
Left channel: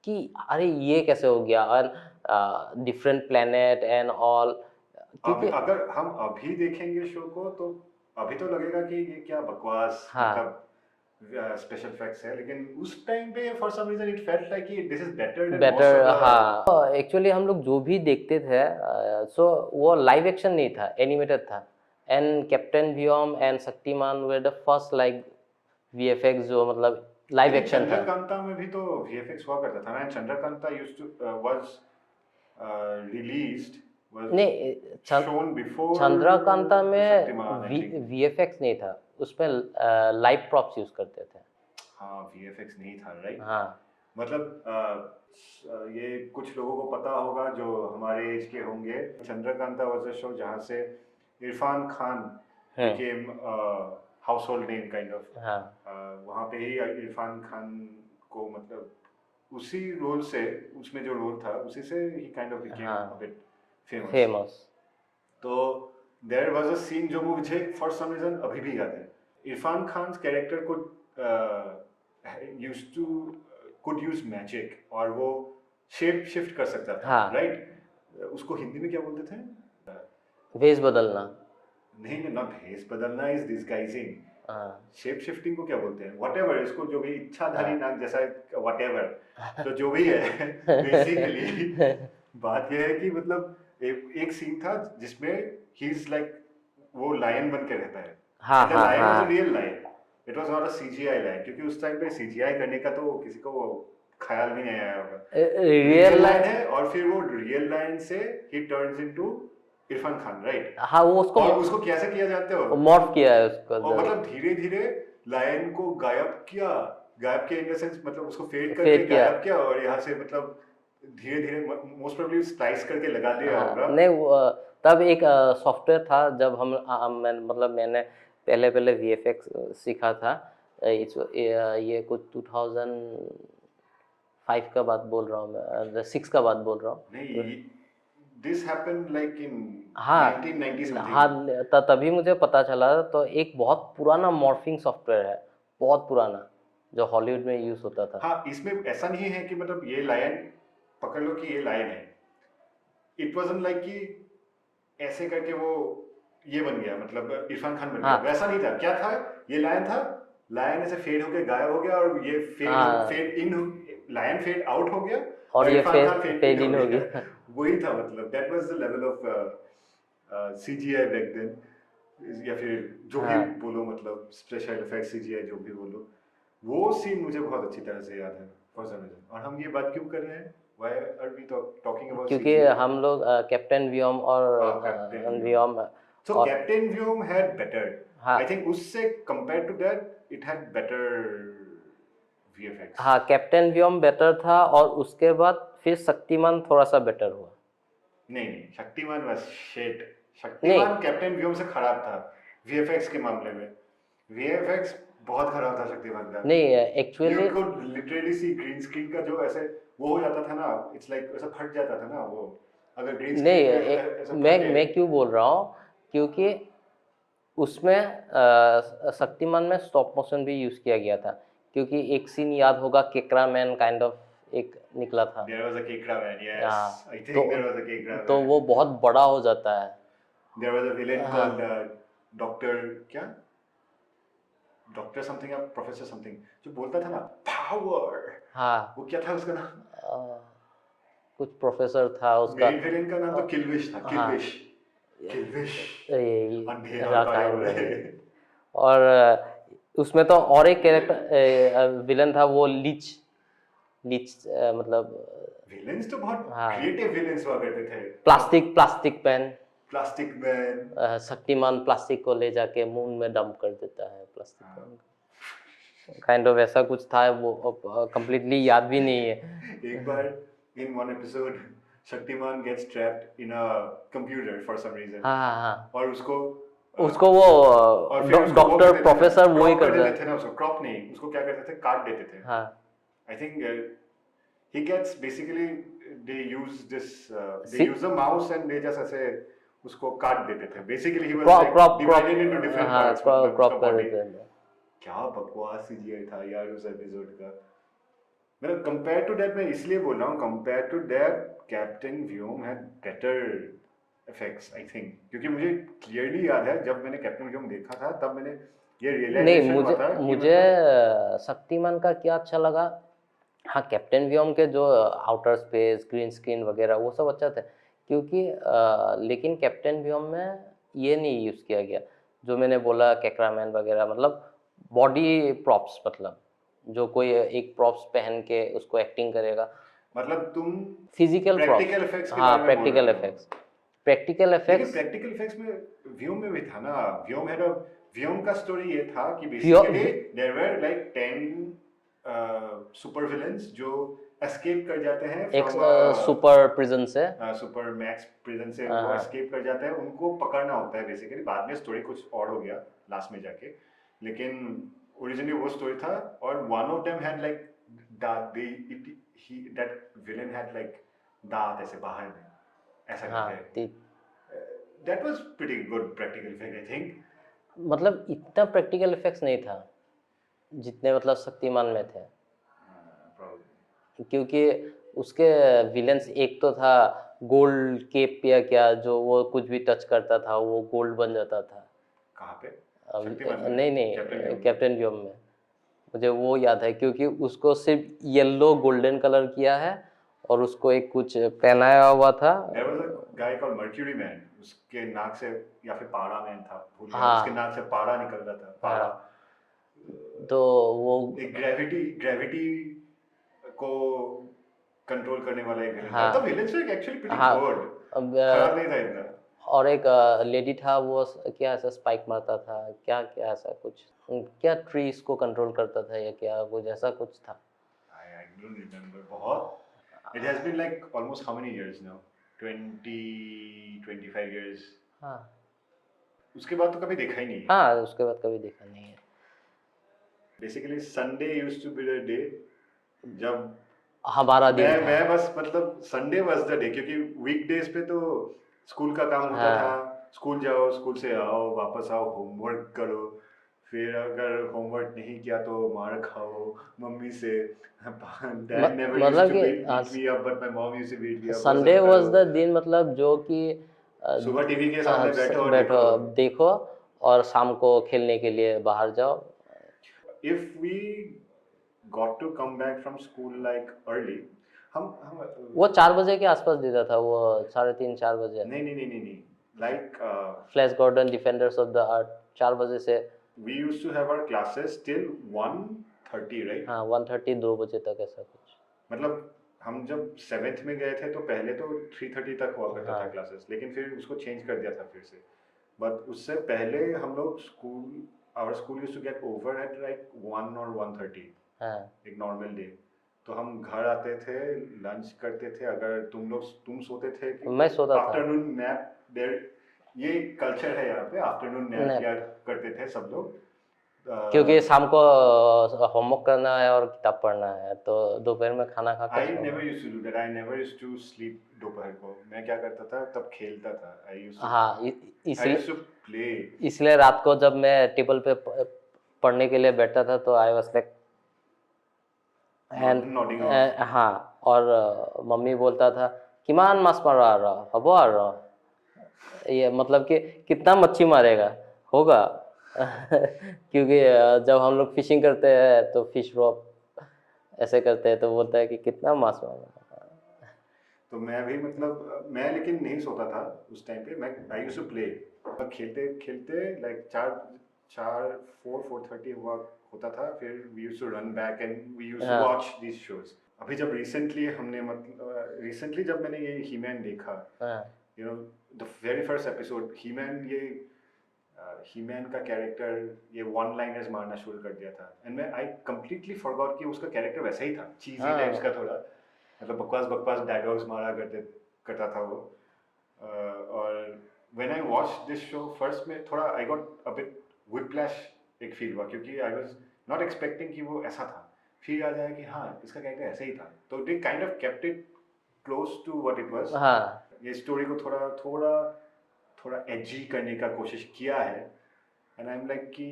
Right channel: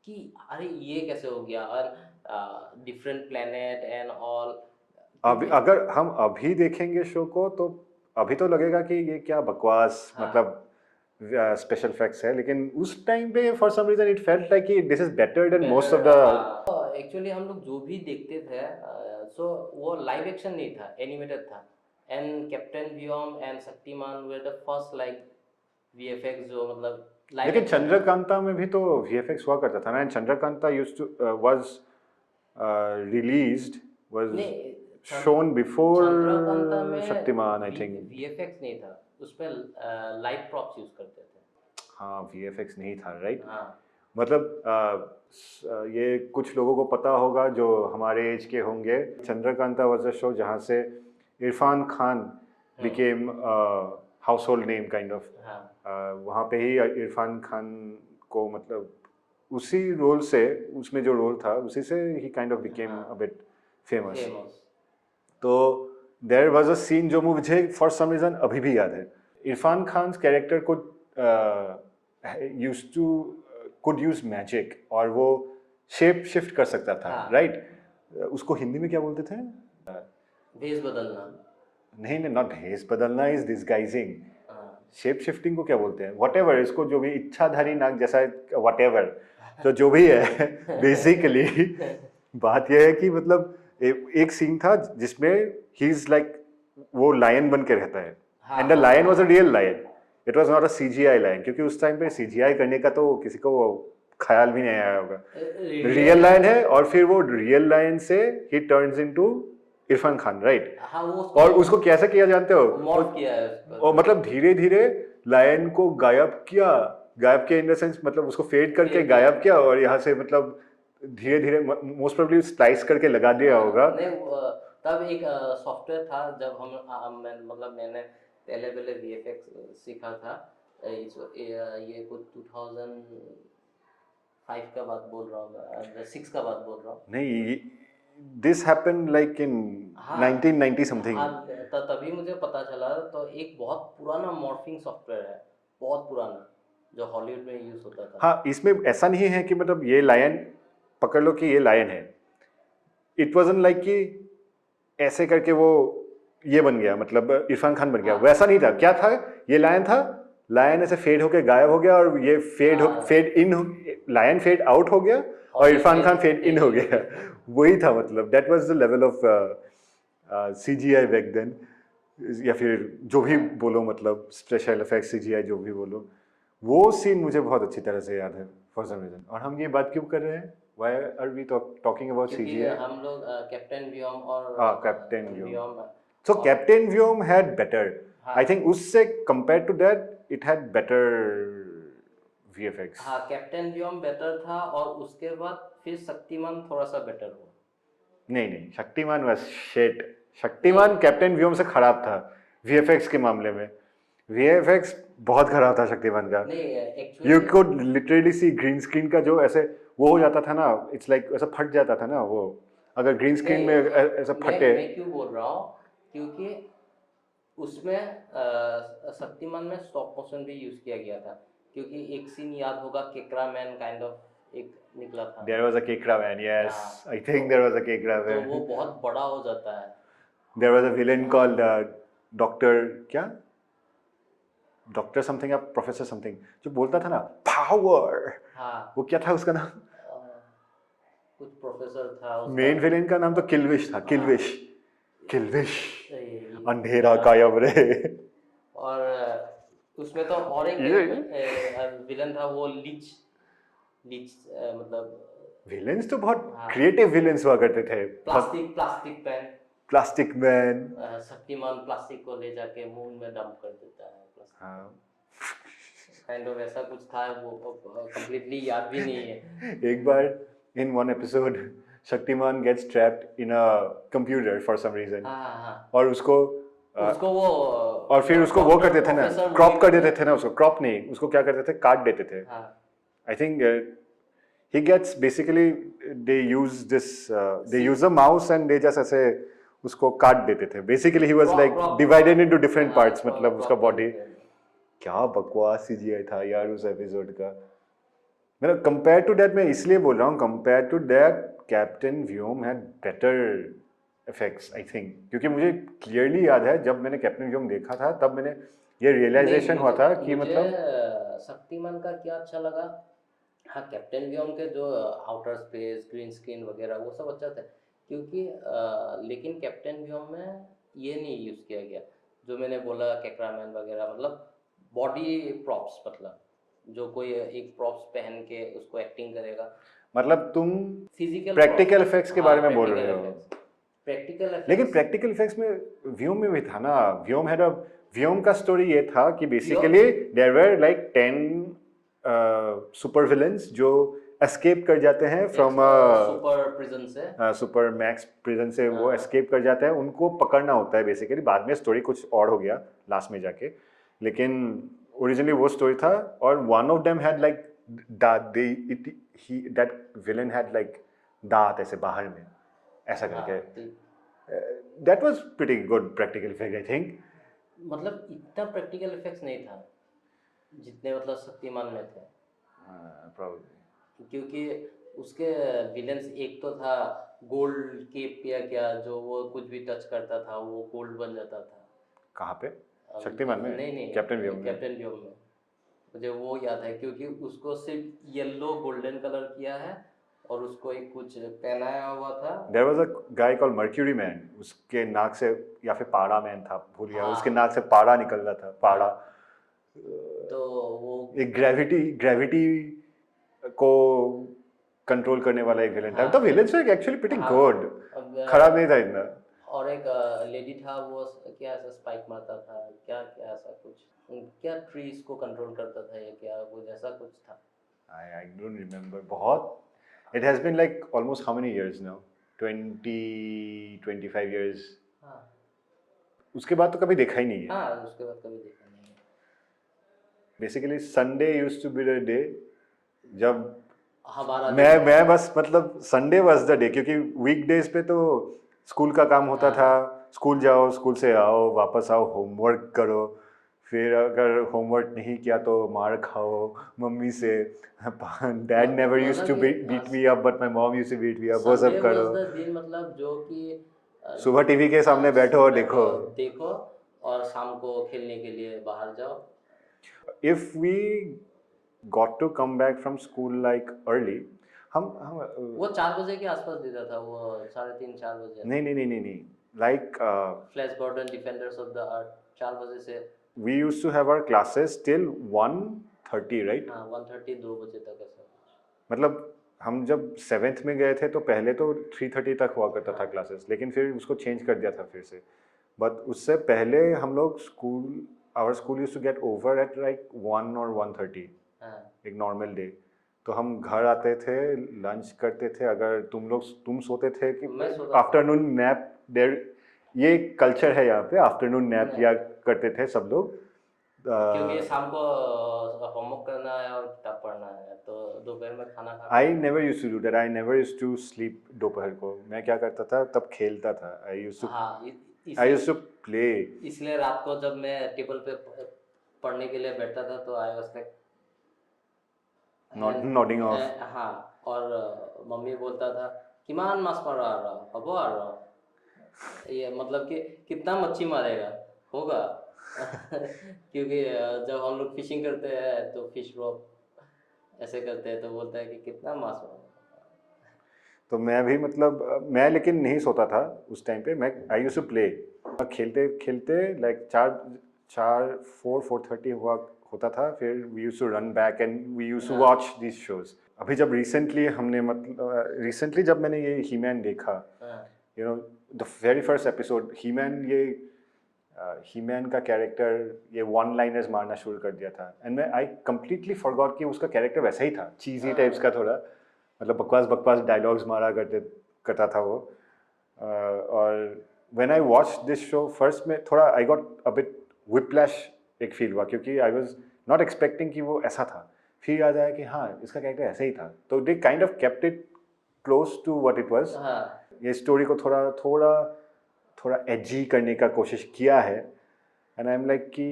कि अरे ये कैसे हो गया, और डिफरेंट प्लेनेट एंड ऑल। अगर हम अभी देखेंगे शो को तो अभी तो लगेगा कि ये क्या बकवास, हाँ। मतलब स्पेशल इफेक्ट्स है, लेकिन उस टाइम पे for some reason it felt like कि this is better than most of the. हाँ, एक्चुअली हम लोग जो भी देखते थे सो वो लाइव एक्शन नहीं था, एनिमेटेड था। And captain Vyom and Shaktimaan were the first like VFX जो मतलब लाइव लेकिन एक्शन था। चंद्रकांता में भी तो वीएफएक्स हुआ करता था ना, and Chandrakanta used to was released was नहीं, शोन बिफोर चंद्रकांता में शक्तिमान आई थिंक। वीएफएक्स नहीं था, उसमें लाइव प्रॉप्स यूज करते थे। हाँ, वीएफएक्स नहीं था, राइट। हाँ मतलब ये कुछ लोगों को पता होगा जो हमारे एज के होंगे। चंद्रकांता वाज अ शो जहाँ से Irfan Khan became house hold name kind of. हाँ वहाँ पे ही इरफान खान को मतलब उसी रोल से, उसमें जो रोल था उसी से ही काइंड ऑफ बिकेम हाँ। A bit famous. फेमस। तो देयर वाज अ सीन जो मुझे फॉर सम रीजन अभी भी याद है। इरफान खान कैरेक्टर को used to could use magic, और वो शेप शिफ्ट कर सकता था, हाँ। राइट। उसको हिंदी में क्या बोलते थे? भेष बदलना। नहीं नहीं, नॉट भेस बदलना, इज डिस्गाइजिंग। हाँ शेप शिफ्टिंग को क्या बोलते हैं? व्हाटएवर, इसको जो भी इच्छाधारी हाँ। नाग जैसा व्हाटएवर, तो जो भी है बेसिकली बात यह है कि मतलब एक सीन था जिसमें ही इज लाइक वो लायन बन के रहता है, हाँ, एंड द हाँ, लायन वाज अ हाँ। Real lion, it was not a CGI lion, क्योंकि उस टाइम पे सीजीआई करने का तो किसी को ख्याल भी नहीं आया होगा। रियल लायन है, और फिर वो रियल लायन से ही turns into Irfan Khan, right. हाँ, वो और उसको कैसे किया जानते हो? मॉर्फ किया है उसको। और मतलब धीरे धीरे लायन को गायब किया, गायब किया इन द सेंस मतलब उसको फेड करके Fade किया। गायब किया, और यहाँ से मतलब धीरे धीरे मोस्ट प्रोबेबली स्लाइस करके लगा दिया होगा। नहीं तब एक सॉफ्टवेयर था जब मतलब मैंने पहले वीएफएक्स सीखा था। ये कुछ 2005 का बात बोल रहा हूँ मैं, 6 का बात बोल रहा हूँ। नहीं, दिस हैपेंड लाइक इन हाँ 1990 समथिंग। हाँ, तभी मुझे पता चला। तो एक बहुत पुराना मॉर्फिंग सॉफ्टवेयर है, बहुत पुराना, जो हॉलीवुड में यूज होता था। हाँ, इसमें ऐसा नहीं है कि मतलब ये लायन पकड़ लो कि ये लायन है, इट वाजंट लाइक कि ऐसे करके वो ये बन गया, मतलब इरफान खान बन गया, हाँ। वैसा नहीं था। क्या था? ये लायन था, लायन ऐसे फेड होके गायब हो गया, और ये fade in, lion fade out हो गया, और ये Irfan Khan fade fade in हो in हो गया। गया। वही था, मतलब that was the level of CGI back then, या फिर जो भी हाँ। बोलो, मतलब स्पेशल इफेक्ट्स, सीजीआई जो भी बोलो। वो सीन मुझे बहुत अच्छी तरह से याद है फॉर सम रीजन। और हम ये बात क्यों कर रहे हैं? Why are we talking about क्योंकि सीजीआई? हम लोग कैप्टन व्योम और captain Vyom. So Captain Vyom had better. हाँ। I think उससे compared to that, it had better VFX. हाँ, कैप्टन व्योम बेटर था, और उसके बाद फिर शक्तिमान थोड़ा सा बेटर हुआ। नहीं नहीं, Shaktimaan was shit. Shaktimaan captain Vyom से खराब था VFX के मामले में। VFX बहुत खराब था शक्तिमान का। नहीं You actually could literally see green screen का जो ऐसे वो हो जाता था ना, it's like ऐसा फट जाता था ना वो, अगर ग्रीन नहीं, स्क्रीन में ऐसा फटे। मैं क्यों बोल रहा हूँ, क्योंकि उसमें शक्तिमान में स्टॉप मोशन भी यूज किया गया था। क्योंकि एक सीन याद होगा, केकरा मैन काइंड ऑफ एक निकला था। There was a Kekra man, yes. हाँ, I think there was a Kekra तो man. वो बहुत बड़ा हो जाता है। There was a villain called Doctor क्या? Doctor something या Professor something, जो बोलता था ना power. हाँ वो क्या था उसका नाम? कुछ प्रोफेसर था उसका। मेन विलेन का नाम तो किलविश था, किलविश। किलविश अंधेरा कायम रहे। और उसमें तो और एक विलन था, वो लीच मतलब विलेन्स तो बहुत हाँ। क्रिएटिव विलेन्स हुआ करते थे। Plastic pen. Plastic man. Shaktimaan plastic को ले जाके मून में डंप कर देता है, प्लास्टिक काइंड ऑफ ऐसा कुछ था। वो कंप्लीटली याद भी नहीं है। एक बार in one episode Shaktimaan gets trapped in a computer for some reason, हाँ हाँ हाँ, और उसको उसको वो और फिर उसको वो डॉक्टर करते थे ना, प्रोफेसर वही क्रॉप कर करता देते थे ना, उसको क्रॉप नहीं, उसको क्या करते थे, काट देते थे। हाँ I think he gets basically they use this they See- use a mouse and they just ऐसे उसको काट देते थे। Basically he was Crop- like crop- divided crop- into different हाँ, parts, मतलब crop उसका कर body। देते हैं। क्या बकवास CGI था यार उस एपिसोड का। मतलब कंपेयर टू दैट, मैं इसलिए बोल रहा हूँ compare to that Captain Vyom had better effects I think, क्योंकि मुझे क्लियरली याद है जब मैंने कैप्टन व्योम देखा था तब मैंने ये नहीं, रियलाइजेशन हुआ था कि मुझे मतलब शक्तिमान का क्या अच्छा लगा, हाँ कैप्टन व्योम के जो आउटर स्पेस ग्रीन स्क्रीन वगैरह वो सब अच्छा था, क्योंकि लेकिन कैप्टन व्योम में ये नहीं यूज़ किया गया जो मैंने बोला कैक्रामैन वगैरह, मतलब बॉडी प्रॉप्स, मतलब जो कोई एक प्रॉप्स पहन के उसको एक्टिंग करेगा, मतलब तुम फिजिकल प्रैक्टिकल इफेक्ट्स के बारे में बोल प्रैक्टिकल रहे हो। इफेक्ट्स, प्रैक्टिकल लेकिन इफेक्ट्स। प्रैक्टिकल इफेक्ट्स में व्योम में भी था ना, व्योम का स्टोरी ये था कि basically there were like 10 super villains जो एस्केप कर जाते हैं फ्रॉम सुपर प्रिजन से, सुपर मैक्स प्रिजन से, वो हाँ। एस्केप कर जाते हैं, उनको पकड़ना होता है बेसिकली। बाद में स्टोरी कुछ और हो गया लास्ट में जाके, लेकिन ओरिजिनली वो स्टोरी था। और one of them had like that villain had like दांत ऐसे बाहर में ऐसा हाँ करके। That was pretty good practical effect I think. मतलब इतना प्रैक्टिकल इफेक्ट्स नहीं था जितने मतलब शक्तिमान में थे, क्योंकि उसके विलेंस एक तो था गोल्ड केप या क्या, जो वो कुछ भी टच करता था वो गोल्ड बन जाता था। कहाँ पे? अब शक्तिमान में? नहीं कैप्टन व्योम में? कैप्टन व्योम में मुझे वो याद है, क्योंकि उसको सिर्फ येलो गोल्डन कलर किया है और उसको एक कुछ पहनाया हुआ था। There was a guy called Mercury Man, उसके नाक से, या फिर पारा मैन था, भूल गया, हाँ। उसके नाक से पारा निकल रहा था, पारा। तो वो एक ग्रेविटी को कंट्रोल करने वाला एक विलेन था। हाँ। तो विलेन से एक्चुअली प्रीटी हाँ। गुड, अब, खराब नहीं था इतना। और एक लेडी था, वो क्या ऐसा स्पाइक मारता था, क्या क्या ऐसा कुछ, क्या ट्रीज को कंट्रोल करता था या क्या कुछ ऐसा कुछ था। I don't remember बहुत। It has been like almost how many years now? 25 years। हाँ उसके बाद तो कभी देखा ही नहीं है। हाँ, उसके बाद कभी देखा नहीं है। Basically Sunday used to be the day जब हमारा दिन था। मैं बस मतलब संडे वाज द डे, क्योंकि वीकडेज पे तो स्कूल का काम होता हाँ। था, स्कूल जाओ, स्कूल से आओ, वापस आओ, होमवर्क करो, फिर अगर होमवर्क नहीं किया तो मार खाओ मम्मी से। डैड नेवर यूज्ड मतलब टू कि beat me up but my mom used to beat me up. Sunday was the दिन, मतलब जो कि सुबह टीवी के सामने बैठो और देखो और शाम को खेलने के लिए बाहर जाओ। If we got to come back from school like early, हम वो 4 बजे के आसपास देता था, वो 3:30-4 बजे। नहीं like Flash Gordon Defenders of the Earth 4 बजे से। we used to have our classes till 1:30 right? हाँ 1:30 2 बजे तक ऐसा कुछ। मतलब हम जब 7th में गए थे तो पहले तो 3:30 तक हुआ करता था हाँ। क्लासेस, लेकिन फिर उसको चेंज कर दिया था फिर से। बट उससे पहले हम लोग our school used to get over at like 1 और 1:30, हाँ एक नॉर्मल डे। तो हम घर आते थे, लंच करते थे, अगर तुम सोते थे कि मैं सोता था। आफ्टरनून नैप देयर, ये कल्चर है यहाँ पे, आफ्टरनून नैप Nap। किया करते थे सब लोग। क्योंकि शाम को होमवर्क करना है और किताब पढ़ना है, तो दोपहर में खाना खा I never used to do that. I never used to sleep दोपहर को। मैं क्या करता था तब, खेलता था। I used to हाँ I used to play। इसलिए रात को जब मैं टेबल पे पढ़ने के लिए बैठता था तो I was like nodding off। हाँ, और मम्मी बोलता था किमान मास मारा आ रहा हबो आ रहा, ये मतलब कि कितना मच्छी मारेगा होगा। क्योंकि जब हम लोग फिशिंग करते हैं तो फिश रॉप ऐसे करते हैं, तो बोलता है कि कितना मास मारेगा। तो मैं भी मतलब मैं लेकिन नहीं सोता था उस टाइम पे। मैं आई यूज्ड टू प्ले, खेलते खेलते लाइक 4:30 हुआ होता था, फिर we used to run back and we used to watch these shows. अभी जब रिसेंटली जब मैंने ये ही मैन देखा, you know the very first episode, He Man का कैरेक्टर ये वन लाइनर्स मारना शुरू कर दिया था, एंड मैं आई कंप्लीटली फॉरगॉट कि उसका कैरेक्टर वैसा ही था, चीजी टाइप्स का थोड़ा, मतलब बकवास डायलॉग्स मारा करता था वो और when I watch this show first में थोड़ा I got a bit whiplash एक फील हुआ क्योंकि आई वाज नॉट एक्सपेक्टिंग कि वो ऐसा था फिर याद आया कि हाँ इसका कैरेक्टर ऐसे ही था तो they kind of kept it close to what it was हाँ ये स्टोरी को थोड़ा थोड़ा थोड़ा एजी करने का कोशिश किया है एंड आई एम लाइक कि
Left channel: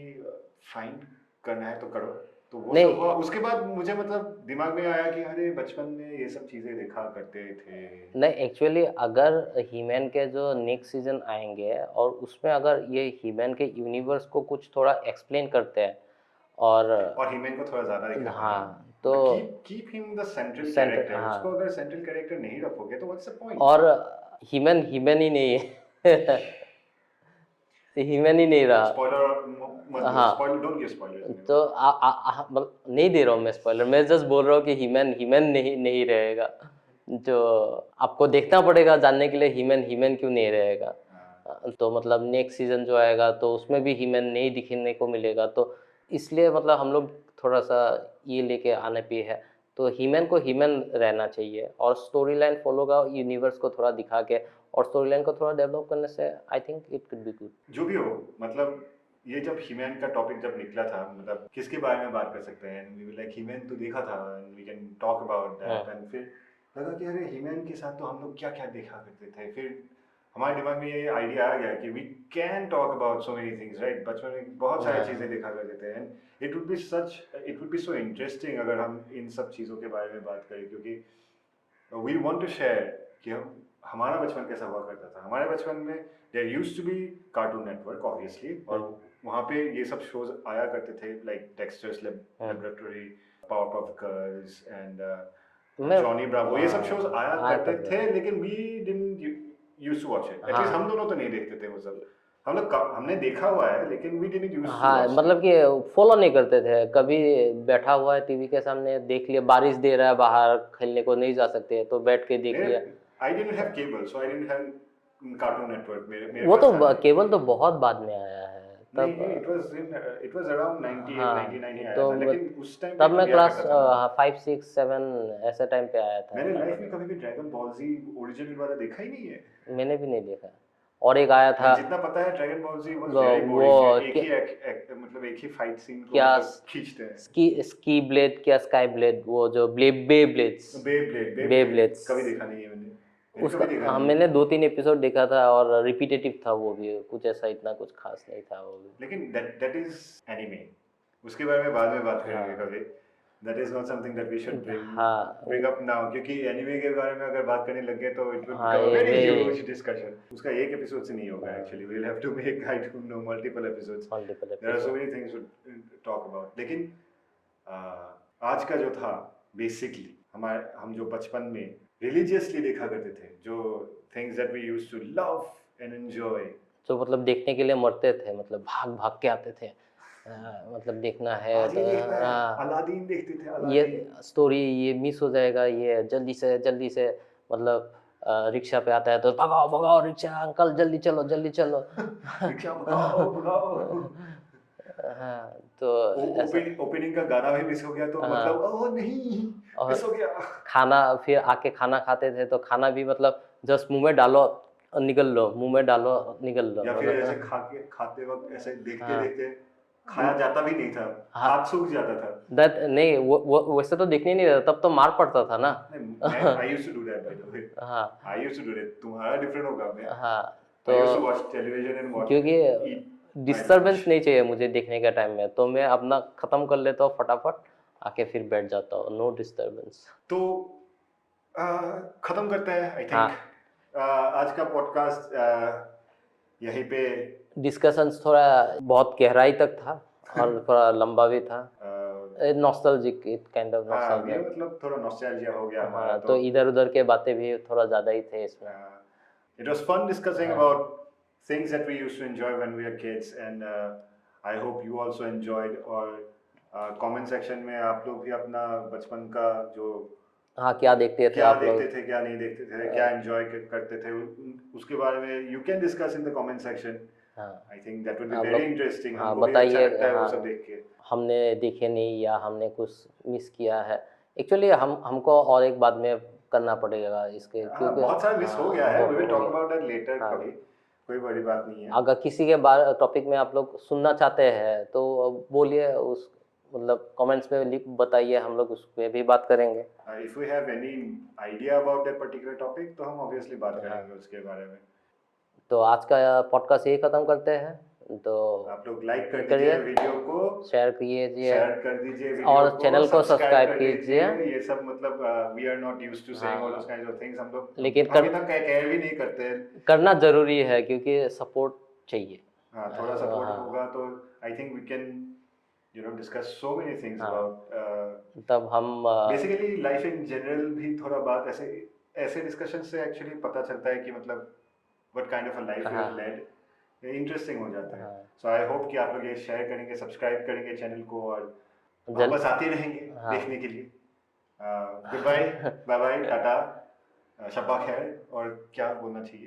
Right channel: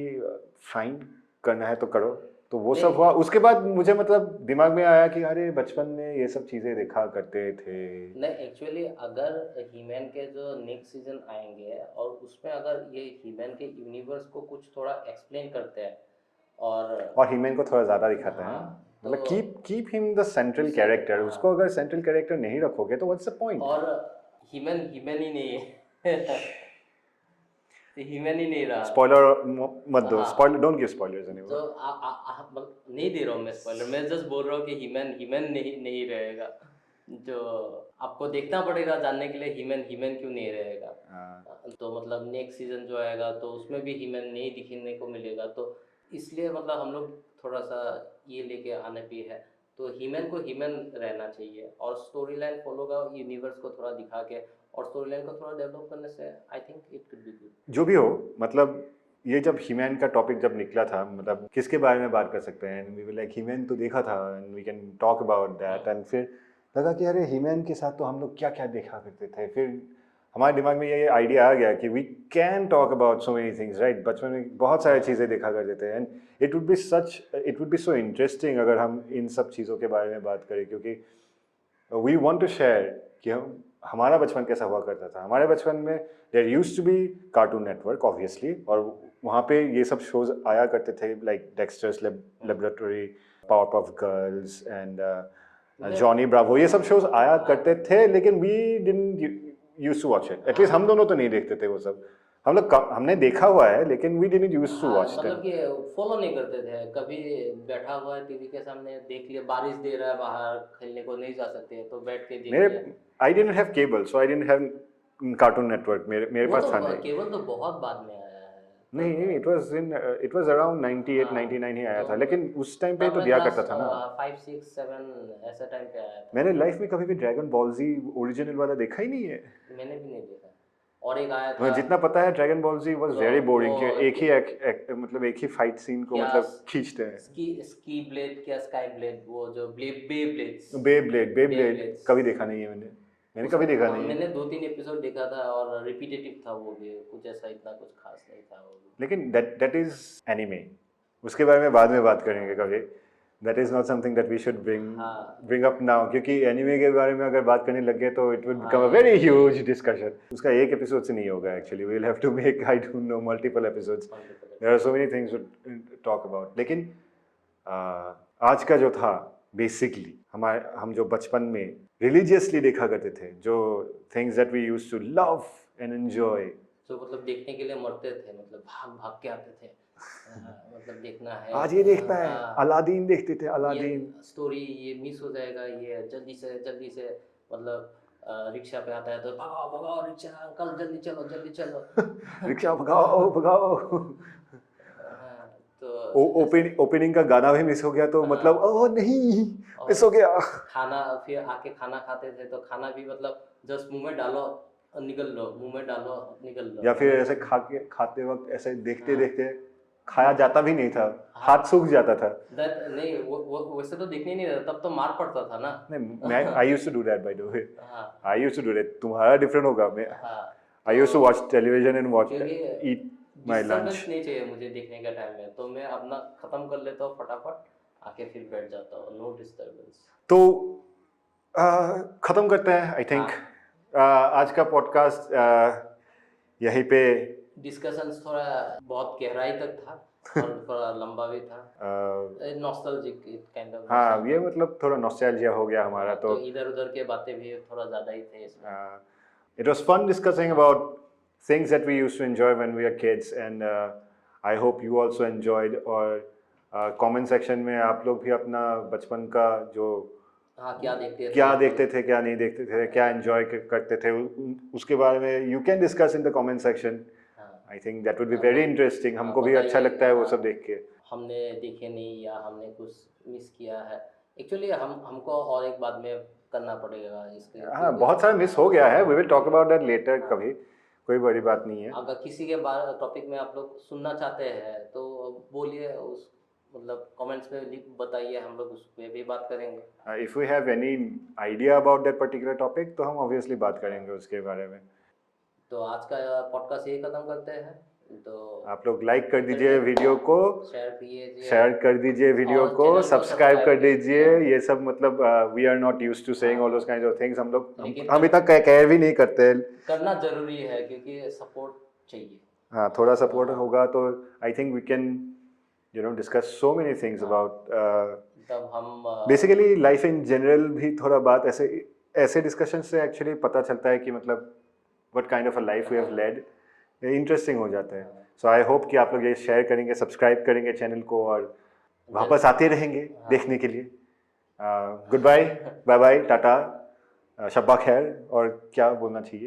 फाइन करना है तो करो तो वो नहीं। सब हुआ उसके बाद मुझे मतलब दिमाग में आया कि अरे बचपन में ये सब चीज़ें देखा करते थे नहीं एक्चुअली अगर हीमैन के जो नेक्स्ट सीजन आएंगे और उसमें अगर ये हीमैन के यूनिवर्स को कुछ थोड़ा एक्सप्लेन करते हैं और हीमैन को थोड़ा ज़्यादा दिखाते हैं हाँ तो keep him the central Central, character हाँ। उसको अगर सेंट्रल कैरेक्टर नहीं रखोगे तो व्हाट्स द पॉइंट और हीमैन हीमैन ही नहीं है हीमैन ही नहीं रहा स्पॉइलर मत दो हाँ। स्पॉइलर डोंट गिव स्पॉयलर्स तो मतलब नहीं दे रहा हूँ मैं स्पॉइलर मैं जस्ट बोल रहा हूँ कि हीमैन हीमैन नहीं नहीं रहेगा जो आपको देखना पड़ेगा जानने के लिए हीमैन हीमैन क्यों नहीं रहेगा तो मतलब नेक्स्ट सीजन जो आएगा तो उसमें भी हीमैन नहीं दिखने को मिलेगा तो इसलिए मतलब हम लोग थोड़ा सा ये लेके आने पे है तो हीमैन को हीमैन रहना चाहिए और स्टोरी लाइन फॉलो का यूनिवर्स को थोड़ा दिखा के और स्टोरी लाइन को थोड़ा डेवलप करने से आई think it could be good जो भी हो मतलब ये जब हीमैन का टॉपिक जब निकला था मतलब किसके बारे में बात कर सकते हैं वी लाइक हीमैन तो देखा था and we can talk about that एंड फिर लगा कि अरे हीमैन के साथ तो हम लोग क्या क्या देखा करते थे फिर हमारे दिमाग में ये आइडिया आ गया कि we can talk about so many things right बचपन में बहुत सारी चीज़ें देखा करते थे and it would be so interesting अगर हम इन सब चीज़ों के बारे में बात करें क्योंकि वी वांट टू शेयर कि हमारा बचपन कैसा हुआ करता था हमारे बचपन में there used to be Cartoon Network obviously और वहाँ पे ये सब शोज आया करते थे like Dexter's Laboratory Powerpuff Girls and Johnny Bravo ये सब शोज आया करते थे लेकिन we didn't used to watch it at least हम दोनों तो नहीं देखते थे वो सब हम लोग हमने देखा हुआ है लेकिन we didn't used to watch मतलब कि फॉलो नहीं करते थे कभी बैठा हुआ है टीवी के सामने देख लिया बारिश दे रहा है बाहर खेलने को नहीं जा सकते तो बैठ के देख लिया I didn't have cable so I didn't have cartoon network मेरे वो पास तो था नहीं। केबल तो बहुत बाद में आया है नहीं इट वाज अराउंड 98 हाँ, 99 ही आया तो था लेकिन उस टाइम पे तब तो मैं दिया क्लास करता था ना 5 6 7 ऐसे टाइम पे आया था मैंने लाइफ में कभी भी ड्रैगन बॉल जी ओरिजिनल वाला देखा ही नहीं है मैंने भी नहीं देखा और एक आया था मुझे जितना पता है ड्रैगन बॉल जी वाज वो- वेरी वो बोरिंग एक ही मतलब एक ही फाइट सीन को क्या मतलब खींचते हैं स्की ब्लेड क्या स्काई ब्लेड वो जो बे ब्लेड्स बे ब्लेड Beyblades। कभी देखा नहीं है मैंने कभी देखा नहीं है। मैंने 2-3 एपिसोड देखा था और रिपीटेटिव था वो भी कुछ ऐसा इतना कुछ खास नहीं था वो भी लेकिन दैट इज एनीमे उसके बारे में बाद में बात करेंगे कभी that is not something that we should bring up now क्योंकि एनीमे के बारे में अगर बात करने लगे तो it would become a very huge discussion उसका एक एपिसोड से नहीं होगा actually we will have to make I don't know multiple episodes there are so many things to talk about लेकिन आज का जो था बेसिकली हम जो बचपन में रिलीजियसली देखा करते थे जो things that we used to love and enjoy जो मतलब देखने के लिए मरते थे मतलब भाग भाग के आते थे मतलब देखना है आज ये देखता है हाँ, अलादीन देखते थे ये अलादीन स्टोरी ये मिस हो जाएगा ये जल्दी से मतलब रिक्शा पे आता है तो भगाओ भगाओ रिक्शा अंकल जल्दी चलो रिक्शा भगाओ भगाओ हाँ तो ओपनिंग का गाना भी मिस हो गया तो हाँ। मतलब ओह नहीं और मिस हो गया खाना फिर आके खाना खाते थे तो खाना भी मतलब जस्ट मुंह में डालो और निकल लो मुंह में डालो निकल लो या फिर मतलब- ऐसे खाते वक्त ऐसे देखते हाँ। देखते खाया जाता भी नहीं था हाँ। हाथ सूख जाता था That नहीं वो वैसे तो देखने नहीं रहता तब तो मार पड़ता था ना मैं I used to do that by the way हाँ I used to do that तुम्हारा डिफरेंट होगा मैं हाँ I used to watch television and watch क्योंकि ईट डिस्टर्बेंस नहीं चाहिए मुझे देखने का टाइम में तो मैं अपना खत्म कर लेता हूँ फटाफट आके फिर बैठ जाता हूँ नो डिस्टर्बेंस तो खत्म करते हैं आई थिंक आज का पॉडकास्ट यहीं पे डिस्कशंस थोड़ा बहुत गहराई तक था और थोड़ा लंबा भी था नॉस्टैल्जिक काइंड ऑफ हाँ ये मतलब थोड़ा नॉस्टैल्जिया हो गया हमारा तो इधर उधर के बातें भी थोड़ा ज़्यादा ही थे इसमें it was fun discussing about things that we used to enjoy when we were kids and I hope you also enjoyed और comment section में आप लोग भी अपना बचपन का जो हाँ क्या देखते थे क्या आप लोग? देखते थे क्या नहीं देखते थे क्या एंजॉय करते थे उसके बारे में you can discuss in the comment section हाँ I think that would be हाँ, वेरी इंटरेस्टिंग हाँ, हमको भी अच्छा बताइए, लगता है वो हाँ। सब देख के हमने देखे नहीं या हमने कुछ मिस किया है एक्चुअली हमको और एक बाद में करना पड़ेगा इसके, हाँ क्योंकि बहुत सारा मिस हो गया है, we will talk about that later हाँ। कभी, कोई बड़ी बात नहीं है। अगर किसी के बारे टॉपिक में आप लोग सुनना चाहते हैं तो बोलिए, उस मतलब कमेंट्स में बताइए, हम लोग उस पर भी बात करेंगे। If we have any idea about that particular topic तो हम ऑब्वियसली बात करेंगे उसके बारे में। तो आज का पॉडकास्ट यही खत्म करते हैं। तो आप लोग लाइक कर करिए, दीजिए वीडियो को, शेयर कीजिए, शेयर कर दीजिए वीडियो और चैनल को, को सब्सक्राइब कर सब्सक्राइब दीजिए। कीजिए। ये सब मतलब we are not used to saying all those kinds of things, हम लोग लेकिन अभी तक कह भी नहीं करते। करना जरूरी है क्योंकि सपोर्ट चाहिए। हाँ थोड़ा सपोर्ट हाँ। होगा तो I think we can you know discuss so many things हाँ। अबाउट तब हम बेसिकली लाइफ इन जनरल भी थोड़ा बात ऐसे डिस्कशन से एक्चुअली पता चलता है कि मतलब what kind of a life we have हाँ। लेड, इंटरेस्टिंग हो जाता है। हाँ। सो आई होप कि आप लोग ये शेयर करेंगे, सब्सक्राइब करेंगे चैनल को और वापस आते रहेंगे हाँ। देखने के लिए। Goodbye, bye bye, tata, शब्बा खैर, और क्या बोलना चाहिए।